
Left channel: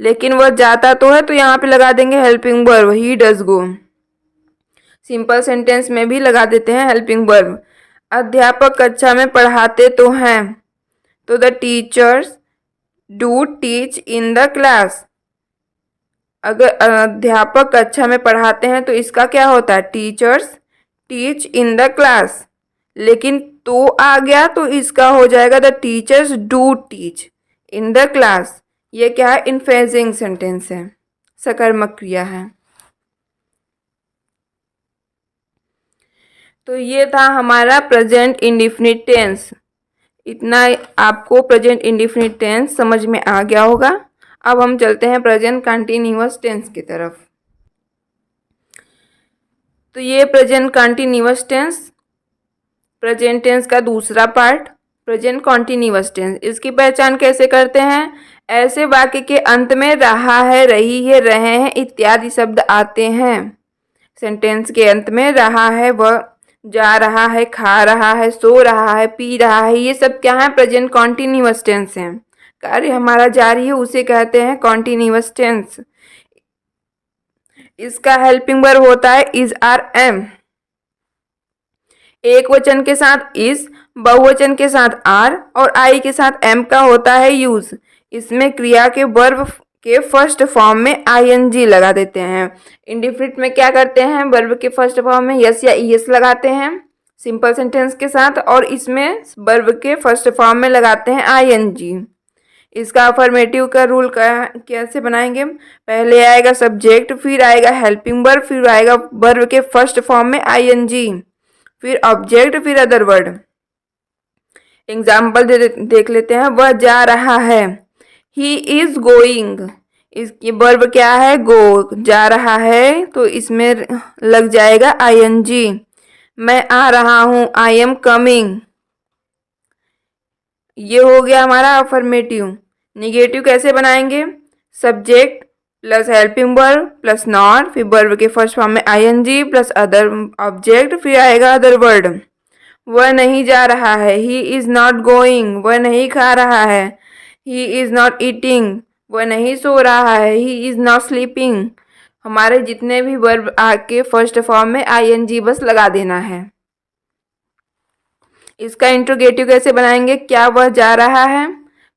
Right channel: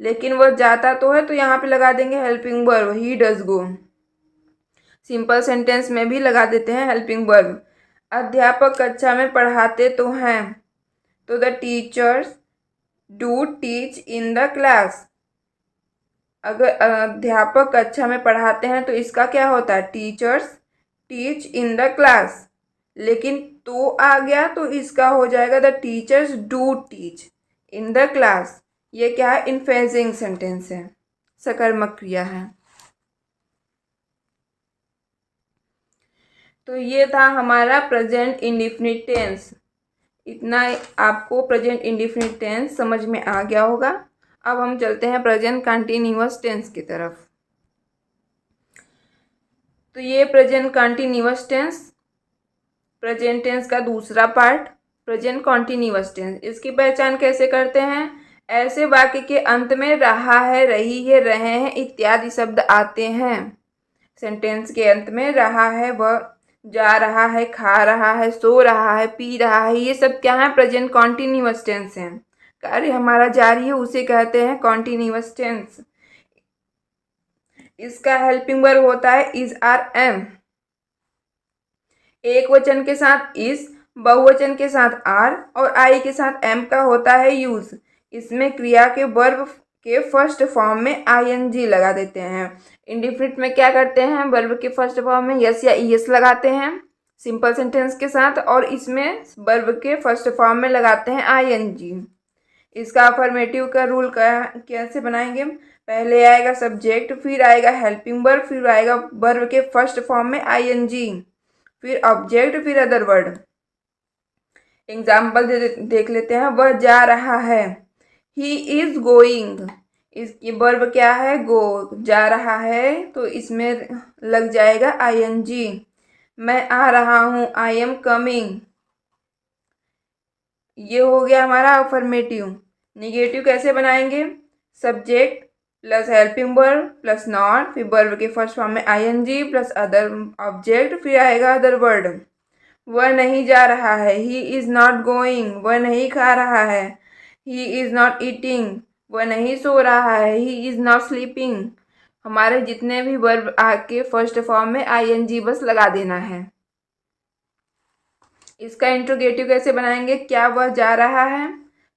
लेकिन वह जाता तो है तो यहाँ पे लगा देंगे helping verb he does go. Simple sentence में भी लगा देते हैं हेल्पिंग वर्ब। अध्यापक कक्षा में पढ़ाते तो हैं, तो the teachers do teach in the class. अगर अध्यापक कक्षा में पढ़ाते हैं तो इसका क्या होता है, teachers teach in the class. लेकिन तो आ गया तो इसका हो जाएगा the teachers do teach in the class. ये क्या है, इनफ्रेजिंग सेंटेंस है, सकर्मक क्रिया है। तो ये था हमारा प्रेजेंट इंडिफिनिट टेंस। इतना आपको प्रेजेंट इंडिफिनिट टेंस समझ में आ गया होगा। अब हम चलते हैं प्रेजेंट कंटिन्यूअस टेंस की तरफ। तो ये present continuous tense, present tense का दूसरा पार्ट प्रेजेंट कॉन्टिन्यूअस टेंस। इसकी पहचान कैसे करते हैं, ऐसे वाक्य के अंत में रहा है, रही है, रहे हैं इत्यादि शब्द आते हैं। सेंटेंस के अंत में रहा है, वह जा रहा है, खा रहा है, सो रहा है, पी रहा है, ये सब क्या है, प्रेजेंट कॉन्टिन्यूअस टेंस है। कार्य हमारा जारी है उसे कहते हैं कॉन्टिन्यूअस टेंस। इसका हेल्पिंग वर्ब होता है इज आर एम। एक वचन के साथ इज, बहुवचन के साथ आर और आई के साथ एम का होता है यूज। इसमें क्रिया के वर्ब के फर्स्ट फॉर्म में आईएनजी लगा देते हैं। इंडिफिनिट में क्या करते हैं, वर्ब के फर्स्ट फॉर्म में यस या ईएस लगाते हैं सिंपल सेंटेंस के साथ, और इसमें वर्ब के फर्स्ट फॉर्म में लगाते हैं आईएनजी। इसका अफर्मेटिव का रूल कैसे बनाएंगे, पहले आएगा सब्जेक्ट, फिर आएगा हेल्पिंग वर्ब, फिर आएगा वर्ब के फर्स्ट फॉर्म में आईएनजी, फिर ऑब्जेक्ट, फिर अदर वर्ड। एग्जाम्पल देख लेते हैं। वह जा रहा है, ही इज गोइंग। इसकी वर्ब क्या है, गो। जा रहा है तो इसमें लग जाएगा आईएनजी। मैं आ रहा हूं, आई एम कमिंग। ये हो गया हमारा अफर्मेटिव। निगेटिव कैसे बनाएंगे, subject plus helping verb plus not, फिर वर्ब के फर्स्ट फॉर्म में आईएनजी प्लस अदर ऑब्जेक्ट, फिर आएगा अदर वर्ड। वह नहीं जा रहा है, ही इज नॉट गोइंग। वह नहीं खा रहा है, ही इज नॉट ईटिंग। वह नहीं सो रहा है, ही इज नॉट स्लीपिंग। हमारे जितने भी वर्ब आके फर्स्ट फॉर्म में आईएनजी बस लगा देना है। इसका इंट्रोगेटिव कैसे बनाएंगे, क्या वह जा रहा है,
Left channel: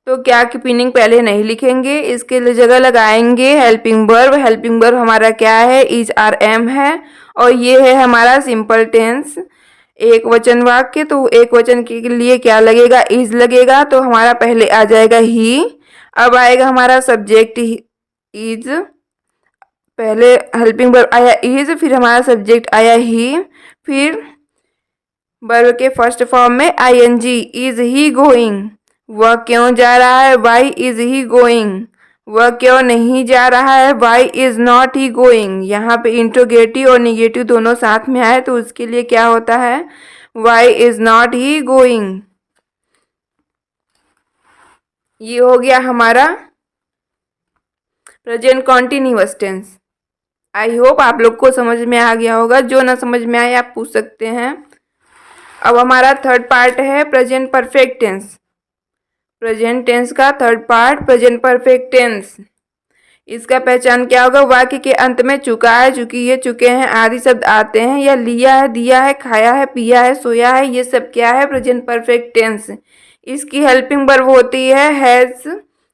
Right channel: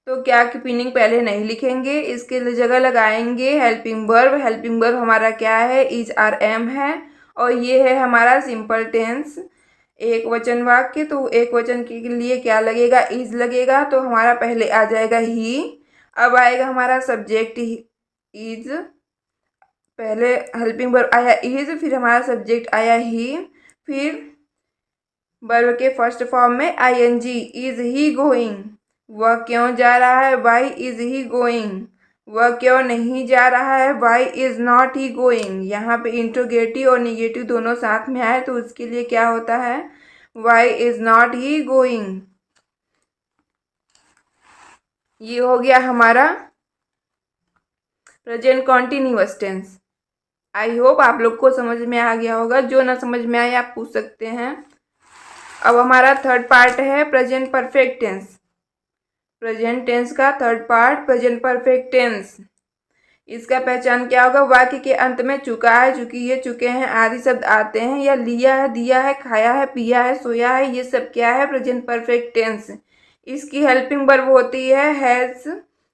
तो क्या की मीनिंग पहले नहीं लिखेंगे, इसके लिए जगह लगाएंगे हेल्पिंग वर्ब। हेल्पिंग वर्ब हमारा क्या है, इज आर एम है, और ये है हमारा सिंपल टेंस एक वचन वाक्य। तो एक वचन के लिए क्या लगेगा, इज लगेगा, तो हमारा पहले आ जाएगा ही। अब आएगा हमारा सब्जेक्ट इज, पहले हेल्पिंग वर्ब आया इज, फिर हमारा सब्जेक्ट आया ही, फिर वर्ब के फर्स्ट फॉर्म में आईएनजी। इज ही गोइंग, वह क्यों जा रहा है, वाई इज ही गोइंग। वह क्यों नहीं जा रहा है, why is not he going. यहाँ पे इंट्रोगेटिव और निगेटिव दोनों साथ में आए तो उसके लिए क्या होता है, why is not he going. ये हो गया हमारा present continuous tense. I hope आप लोग को समझ में आ गया होगा, जो ना समझ में आए आप पूछ सकते हैं। अब हमारा थर्ड पार्ट है present perfect tense. Present tense का third part present perfect tense. इसका पहचान क्या होगा, वाक्य के अंत में चुका है, चुकी है, चुके हैं आदि शब्द आते हैं, या लिया है, दिया है, खाया है, पिया है, सोया है, ये सब क्या है, प्रेजेंट परफेक्ट टेंस। इसकी हेल्पिंग वर्ब होती है हैज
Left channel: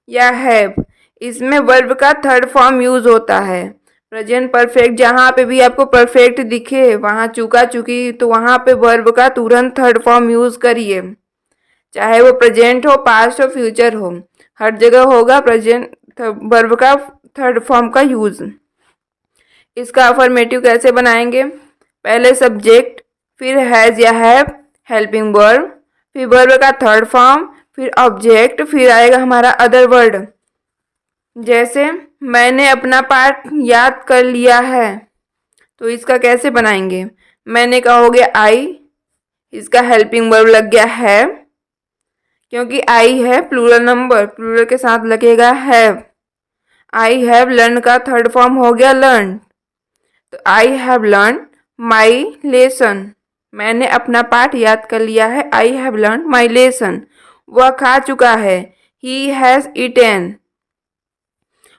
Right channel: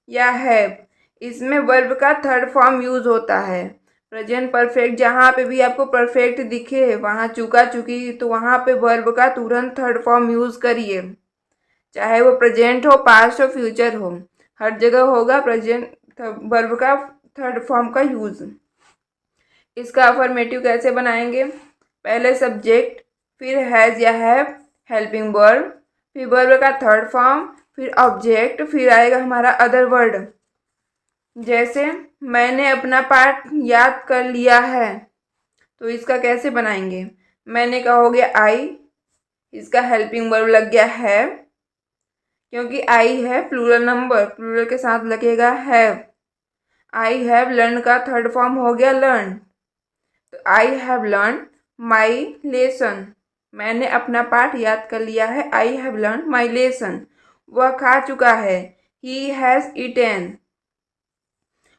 या हैव। इसमें वर्ब का थर्ड फॉर्म यूज होता है। प्रेजेंट परफेक्ट जहाँ पे भी आपको परफेक्ट दिखे, वहाँ चुका, चुकी, तो वहाँ पे वर्ब का तुरंत थर्ड फॉर्म यूज करिए, चाहे वो प्रेजेंट हो, पास्ट हो, फ्यूचर हो, हर जगह होगा प्रेजेंट वर्ब का थर्ड फॉर्म का यूज। इसका अफर्मेटिव कैसे बनाएंगे, पहले सब्जेक्ट, फिर हैज या हैव, हेल्पिंग वर्ब, फिर वर्ब का थर्ड फॉर्म, फिर ऑब्जेक्ट, फिर आएगा हमारा अदर वर्ड। जैसे मैंने अपना पाठ याद कर लिया है, तो इसका कैसे बनाएंगे, मैंने कहोगे आई, इसका हेल्पिंग वर्ब लग गया है, क्योंकि आई है प्लूरल नंबर, प्लूरल के साथ लगेगा हैव। आई हैव लर्न का थर्ड फॉर्म हो गया लर्न, तो I have learn my lesson, मैंने अपना पाठ याद कर लिया है। I have learn my lesson. वह खा चुका है। ही हैज़ ईटेन।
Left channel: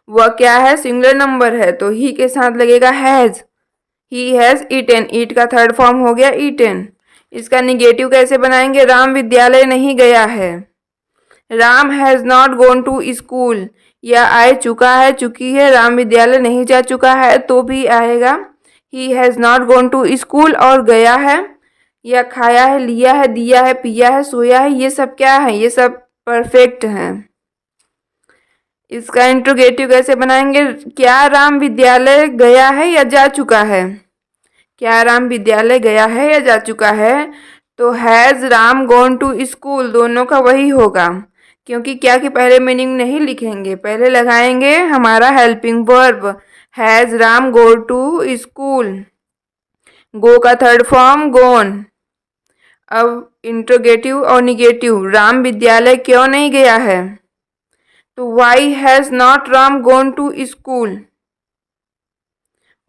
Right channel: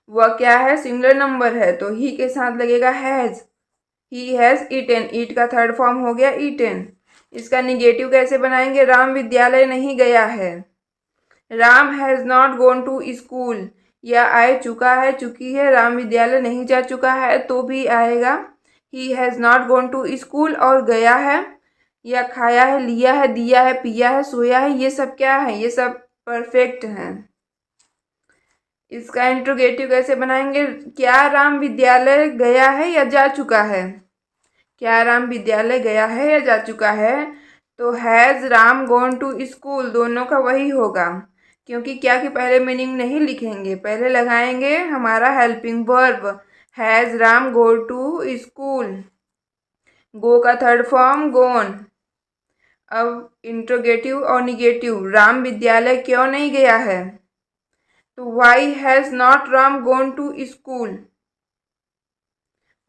वह क्या है, सिंगुलर नंबर है तो ही के साथ लगेगा has. He has eaten. Eat का थर्ड फॉर्म हो गया ईटेन। इसका निगेटिव कैसे बनाएंगे, राम विद्यालय नहीं गया है। Ram has not gone to school. यह आए चुका है, चुकी है, राम विद्यालय नहीं जा चुका है तो भी आएगा। He has not gone to school. और गया है, या खाया है, लिया है, दिया है, पिया है, सोया है, ये सब क्या है, ये सब परफेक्ट हैं। इसका इंट्रोगेटिव कैसे बनाएंगे, क्या राम विद्यालय गया है या जा चुका है। क्या राम विद्यालय गया है या जा चुका है, तो has Ram gone to school दोनों का वही होगा, क्योंकि क्या की पहले मीनिंग नहीं लिखेंगे, पहले लगाएंगे हमारा helping verb. Has Ram go to school. Go का थर्ड फॉर्म गॉन। अब इंट्रोगेटिव और निगेटिव, राम विद्यालय क्यों नहीं गया है, तो why has not Ram gone to school.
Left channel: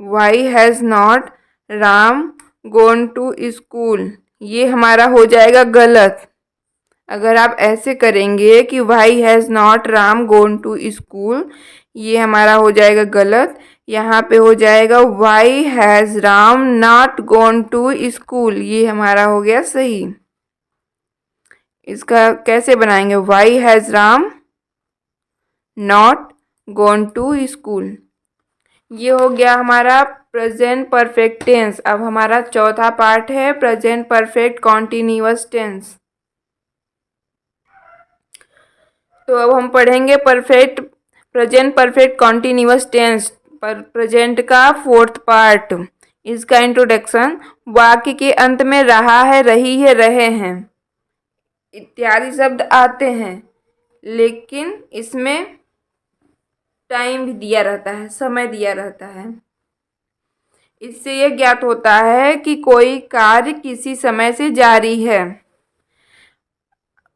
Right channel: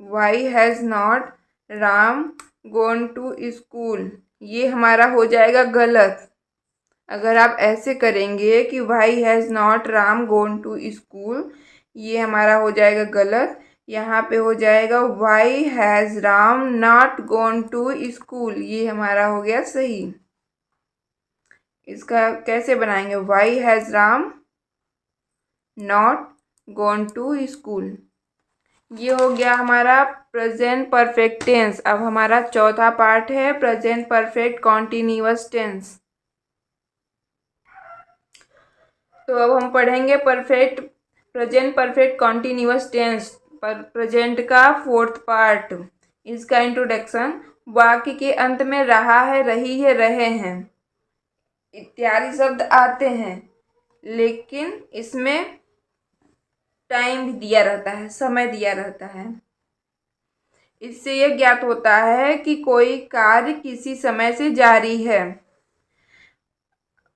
Why has not Ram gone to school, ये हमारा हो जाएगा गलत। अगर आप ऐसे करेंगे कि why has not Ram gone to school, ये हमारा हो जाएगा गलत। यहाँ पे हो जाएगा why has Ram not gone to school, ये हमारा हो गया सही। इसका कैसे बनाएंगे, why has Ram not gone to school. ये हो गया हमारा प्रेजेंट परफेक्ट टेंस। अब हमारा चौथा पार्ट है प्रेजेंट परफेक्ट कॉन्टिन्यूअस टेंस। तो अब हम पढ़ेंगे प्रेजेंट परफेक्ट कॉन्टिन्यूअस टेंस, पर प्रेजेंट का फोर्थ पार्ट। इसका इंट्रोडक्शन, वाक्य के अंत में रहा है, रही है, रहे हैं इत्यादि शब्द आते हैं, लेकिन इसमें टाइम दिया रहता है, समय दिया रहता है। इससे यह ज्ञात होता है कि कोई कार्य किसी समय से जारी है।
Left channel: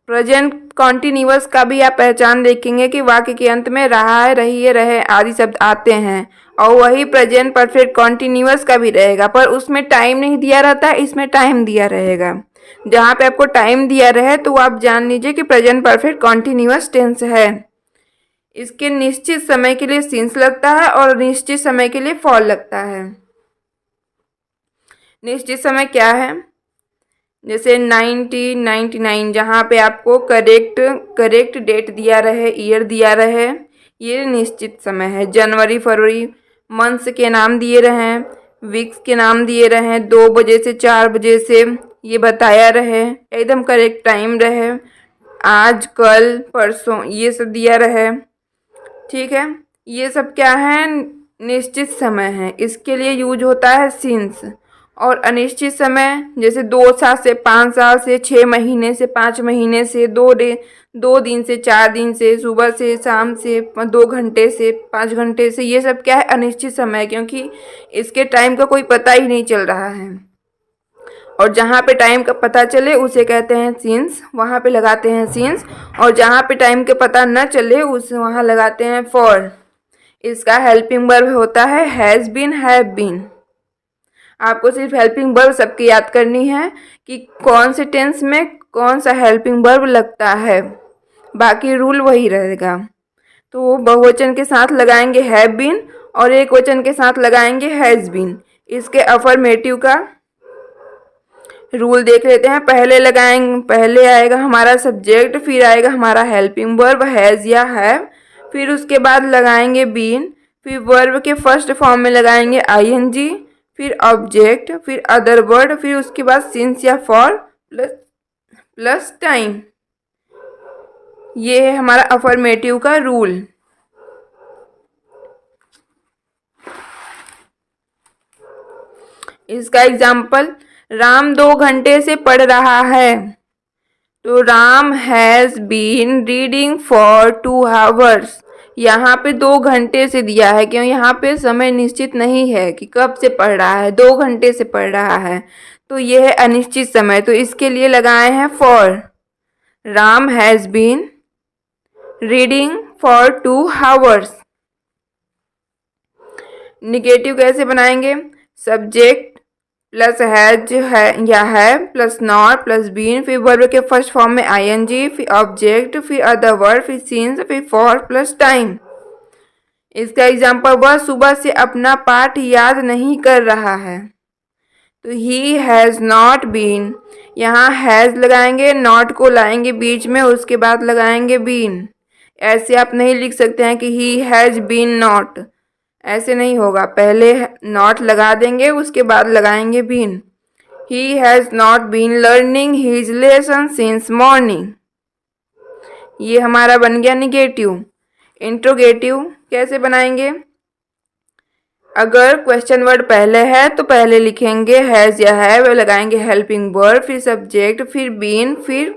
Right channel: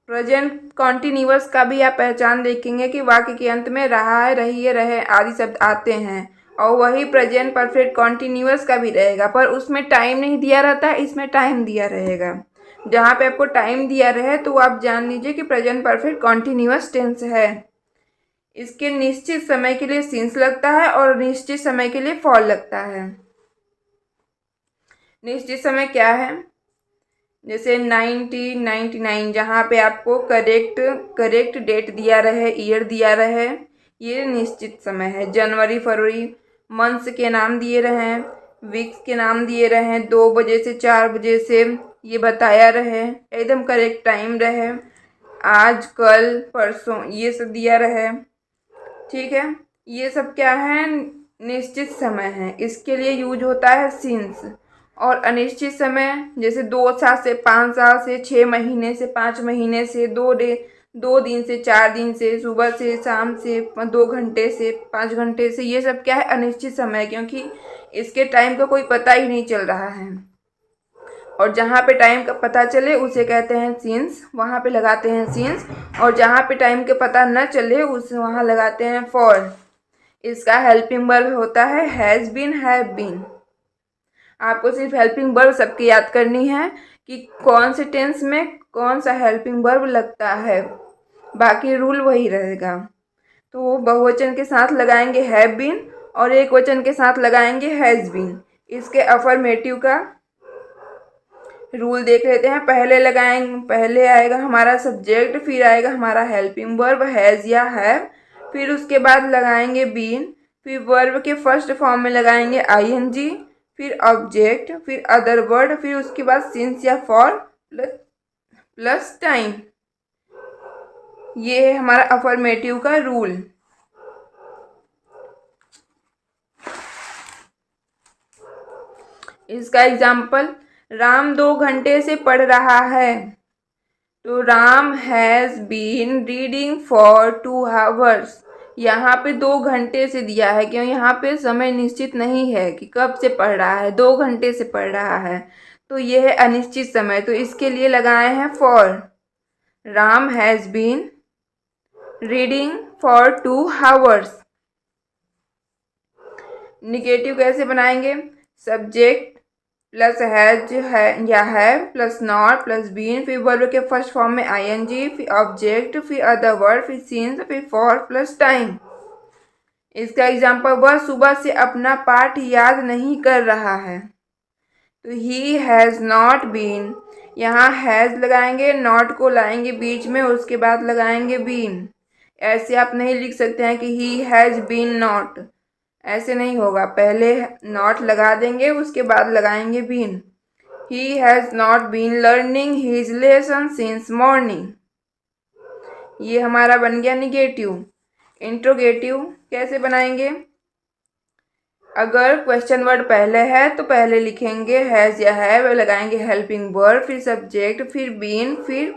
प्रेजेंट कॉन्टिन्यूअस का भी आप पहचान देखेंगे कि वाक्य के अंत में रहा है, रही है, रहे आदि शब्द आते हैं, और वही प्रेजेंट परफेक्ट कॉन्टिन्यूअस का भी रहेगा, पर उसमें टाइम नहीं दिया रहता, इसमें टाइम दिया रहेगा। जहाँ पे आपको टाइम दिया रहे तो आप जान लीजिए कि प्रेजेंट परफेक्ट कॉन्टिन्यूअस टेंस है। इसके निश्चित समय के लिए सिंस लगता है और निश्चित समय के लिए फॉर लगता है। निश्चित समय क्या है, जैसे 1999, जहाँ पे आपको करेक्ट डेट दिया रहे, ईयर दिया रहे, ये निश्चित समय है। जनवरी फरवरी मंथ्स के नाम दिए रहे, वीक्स के नाम दिए रहे, 2 बजे से 4 बजे से ये बताया रहे, एकदम करेक्ट टाइम रहे, आज कल परसों ये सब दिया रहे, ठीक है। ये सब क्या है, निश्चित समय है, इसके लिए यूज होता है सिंस। और अनिश्चित समय जैसे 2 साल से 5 साल से 6 महीने से 5 महीने से 2 दिन से 4 दिन से, सुबह से शाम से, 2 घंटे से 5 घंटे से, ये सब क्या है, अनिश्चित समय, क्योंकि इसके टाइम का कोई पता ही नहीं चल रहा है। और जहाँ पे टाइम का पता चले उसे कहते हैं सिंस, वहाँ पे लगाते हैं सिंस। और जहाँ पे टाइम का पता न चले उस वहाँ लगाते हैं फॉर। इसका हेल्पिंग वर्ब होता है हैज़ बीन, हैव बीन। आपको सिर्फ हेल्पिंग वर्ब सबकी याद करनी है कि कौन से टेंस में कौन सा हेल्पिंग वर्ब लगता है, बाकी रूल वही रहेगा। तो बहुवचन के साथ लगाएंगे हैव बीन और एक वचन के साथ लगाएंगे हैज़ बीन। इसके अफर्मेटिव का रूल देख लेते हैं। पहले आएगा हमारा सब्जेक्ट, फिर आएगा हमारा हेल्पिंग वर्ब हैज़ या हैव, फिर उसके बाद लगाएंगे बीन, फिर वर्ब के फर्स्ट फॉर्म में लगाएंगे आईएनजी, फिर ऑब्जेक्ट, फिर अदर वर्ड, फिर उसके बाद सिंस या फॉर प्लस टाइम। ये है हमारा अफर्मेटिव का रूल। इसका एग्जाम्पल, राम 2 घंटे से पढ़ रहा है, तो Ram has been reading for 2 hours. यहाँ पे 2 घंटे से दिया है, क्यों, यहाँ पे समय निश्चित नहीं है कि कब से पढ़ रहा है, 2 घंटे से पढ़ रहा है, तो ये है अनिश्चित समय, तो इसके लिए लगाए हैं for. Ram has been reading for 2 hours. Negative कैसे बनाएंगे, सब्जेक्ट प्लस हैज है या है प्लस नॉट प्लस बीन, फिर वर्ब के फर्स्ट फॉर्म में आईएनजी, फिर ऑब्जेक्ट, फिर अदर वर्ब, फिर सीन्स, फिर फॉर प्लस टाइम। इसका एग्जाम्पल, वह सुबह से अपना पाठ याद नहीं कर रहा है। तो ही हैज़ नॉट बीन, यहाँ हैज़ लगाएंगे, नॉट को लाएंगे बीच में, उसके बाद लगाएंगे बीन। ऐसे आप नहीं लिख सकते हैं कि ही हैज़ बीन नॉट, ऐसे नहीं होगा। पहले नॉट लगा देंगे, उसके बाद लगाएंगे been. He has not been learning his lesson since morning. ये हमारा बन गया निगेटिव। इंट्रोगेटिव कैसे बनाएंगे? अगर क्वेश्चन वर्ड पहले है तो पहले लिखेंगे हैज़ या है, वे लगाएंगे हेल्पिंग वर्ब, फिर सब्जेक्ट, फिर बीन, फिर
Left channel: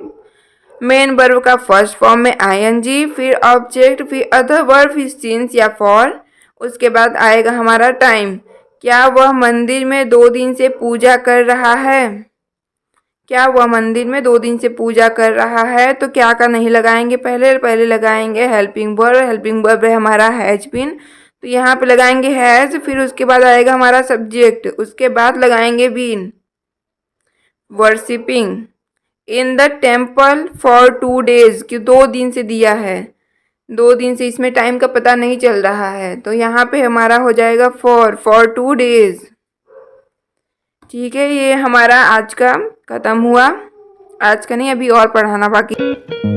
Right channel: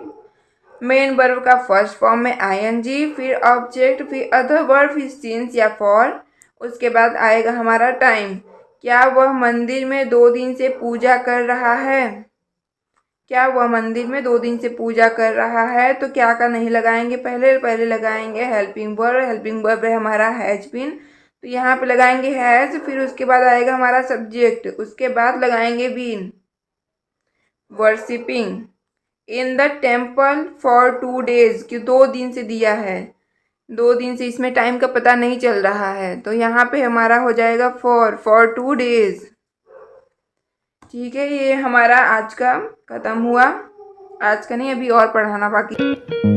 मेन वर्ब का फर्स्ट फॉर्म में आईएनजी, फिर ऑब्जेक्ट, फिर अदर वर्ब, फिर सिंस या फॉर। उसके बाद आएगा हमारा टाइम। क्या वह मंदिर में 2 दिन से पूजा कर रहा है? क्या वह मंदिर में 2 दिन से पूजा कर रहा है? तो क्या का नहीं लगाएंगे, पहले लगाएंगे हेल्पिंग वर्ब। हेल्पिंग वर्ब है हमारा हैज बीन, तो यहाँ पे लगाएंगे हैज, फिर उसके बाद आएगा हमारा सब्जेक्ट, उसके बाद लगाएंगे been. Worshipping in the temple for 2 days, कि 2 दिन से दिया है, 2 दिन से, इसमें टाइम का पता नहीं चल रहा है, तो यहाँ पे हमारा हो जाएगा फॉर 2 days। ठीक है, ये हमारा आज का खत्म हुआ। आज का नहीं, अभी और पढ़ाना बाकी।